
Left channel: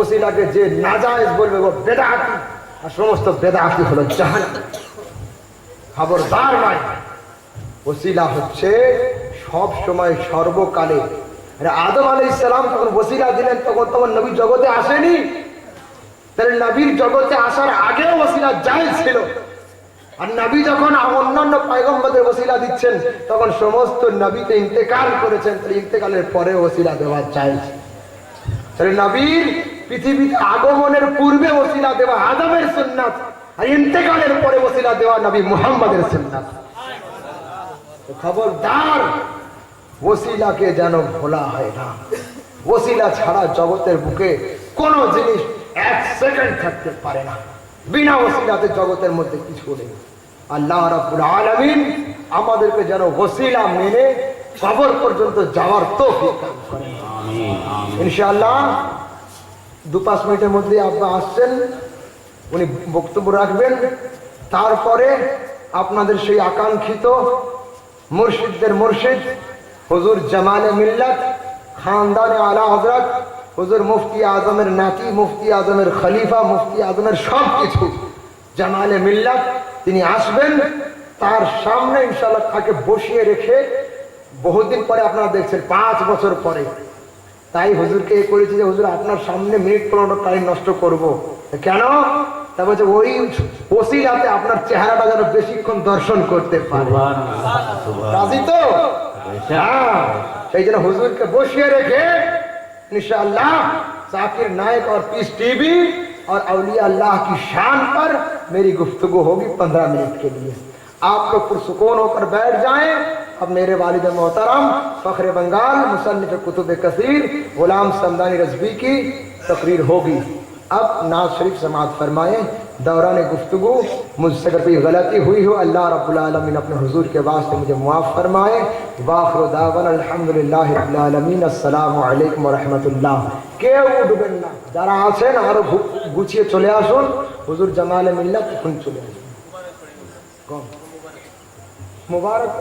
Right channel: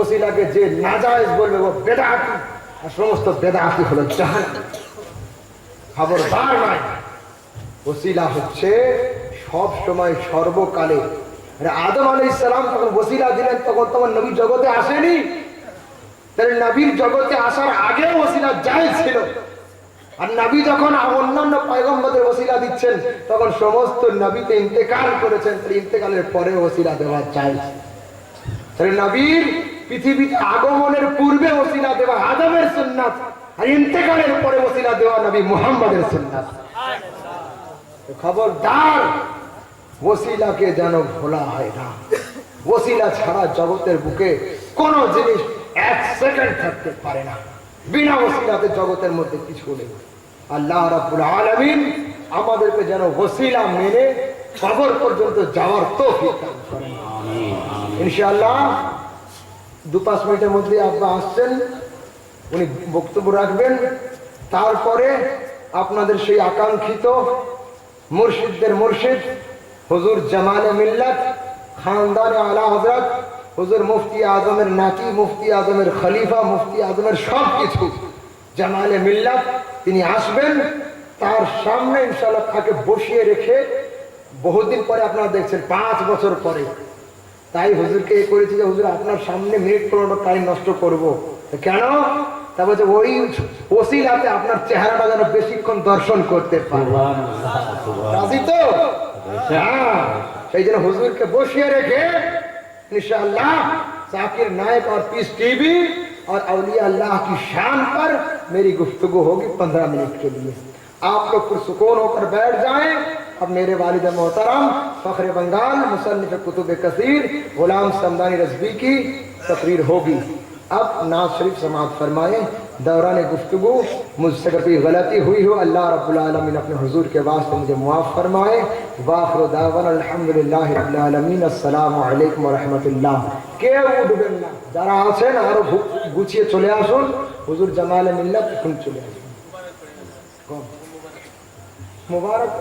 ওসিলাকে যে নাজায়েজ বলবে ও বেদাতি, আর সমস্ত বেদাতি হলো জাহান্নাম। খবরদার নয়, ওসিলা হচ্ছে সব সময় সর্বকালে। আদম আলাইহিস সালাম যখন ওসিলা দিলেন তখন নবী জগতে আসেনি, তাহলে নবীর জগতে আসার আগেও ওসিলা জায়েজ ছিল। আর নবী যখন অন্যান্য পয়গম্বরদের ওসিলা দিচ্ছেন তখন সমস্ত নবীতে ইন্তেকাল করেছেন, তাহলে ইন্তেকালের পরে ওসিলা দেওয়া জায়েজ। তাহলে নবীর পৃথিবীতে আগমনের পূর্বে ওসিলা দেওয়া আদমের সুন্নাত, আর ইন্তেকালের পরে ওসিলা দেওয়া নবী মুহাম্মদের সুন্নাত। খবরদার, ওসিলাকে যেন ভোলা হয় না। ওসিলা ছাড়া জগতের বুকে কোনো জিনিস এক সেকেন্ড থাকতে পারে না। বিনা ওসিলাতে জগতের মধ্যে কিছু নেই। আল্লাহ রাব্বুল আলামিন আমাদেরকে যেন ওসিলা মেনে কবর পর্যন্ত যাওয়ার তৌফিক দান করেন। ইনশাআল্লাহ 2-5 মিনিটের মধ্যে আপনারা আসছেন, উনি বক্তব্য রাখবেন। তারপরে আপনাদের সেই আকাঙ্ক্ষিত মুর্শিদদের মুর্শিদ হুজুর জামালে মিল্লাত খানদানে আলা হযরত হুজুর মুফতি আজমের নাতি, মুফতি আজমের খলিফা, মুফতি আজমের সব কিছু জামালে মিল্লাত, তিনি আসবেন। তার সামনে ইনশাআল্লাহ তাকে বসিয়ে রেখে বহুদিন পরে আপনারা দেখছেন 5 বছর পরে, তাই হুজুরকে করেছি যে হুজুর আপনার সামনে মিনিট 15 টাইম নষ্ট করব। কেন? তারপরে যে ওই ওসিলাতে আপনার চেহারাটা যেন বেশিক্ষণ দর্শন করতে পারে। রাজি তো? হ্যাঁ, সেই জন্য হুজুরকে বসিয়ে রেখে इंशाअल्लाह जाकिर नायक और पीस टीवी और औलिया अल्लाह की शान पर मेरी गुफ्तगू होगी 15 मिनट के लिए। आप लोग पुरसुकून होकर बैठ जाएं। अब मेरे वालिद मोहतरम फख्र बंगाल मुसन्निफ कुतुब कसीर गुलाम समदानी रज़वी की तकरीर होगी। अब नाज शरीफ समाअत फरमाएं। दौरान गुफ्तगू मुझसे कभी गलती हुई हो अल्लाह रब्बुल आलमीन अपने हुजूर के वास्ते मुझे मुआफ़ फरमाए। वाखिर दावाना अल्हम्दुलिल्लाहि रब्बिल आलमीन। अस्सलामु अलैकुम व रहमतुल्लाह। কেউ উঠবেন না, যারা আছেন আরো গুছিয়ে চলে আসুন। হুজুর জামালে মিল্লাত এখন চলে আসুন। মুবারক।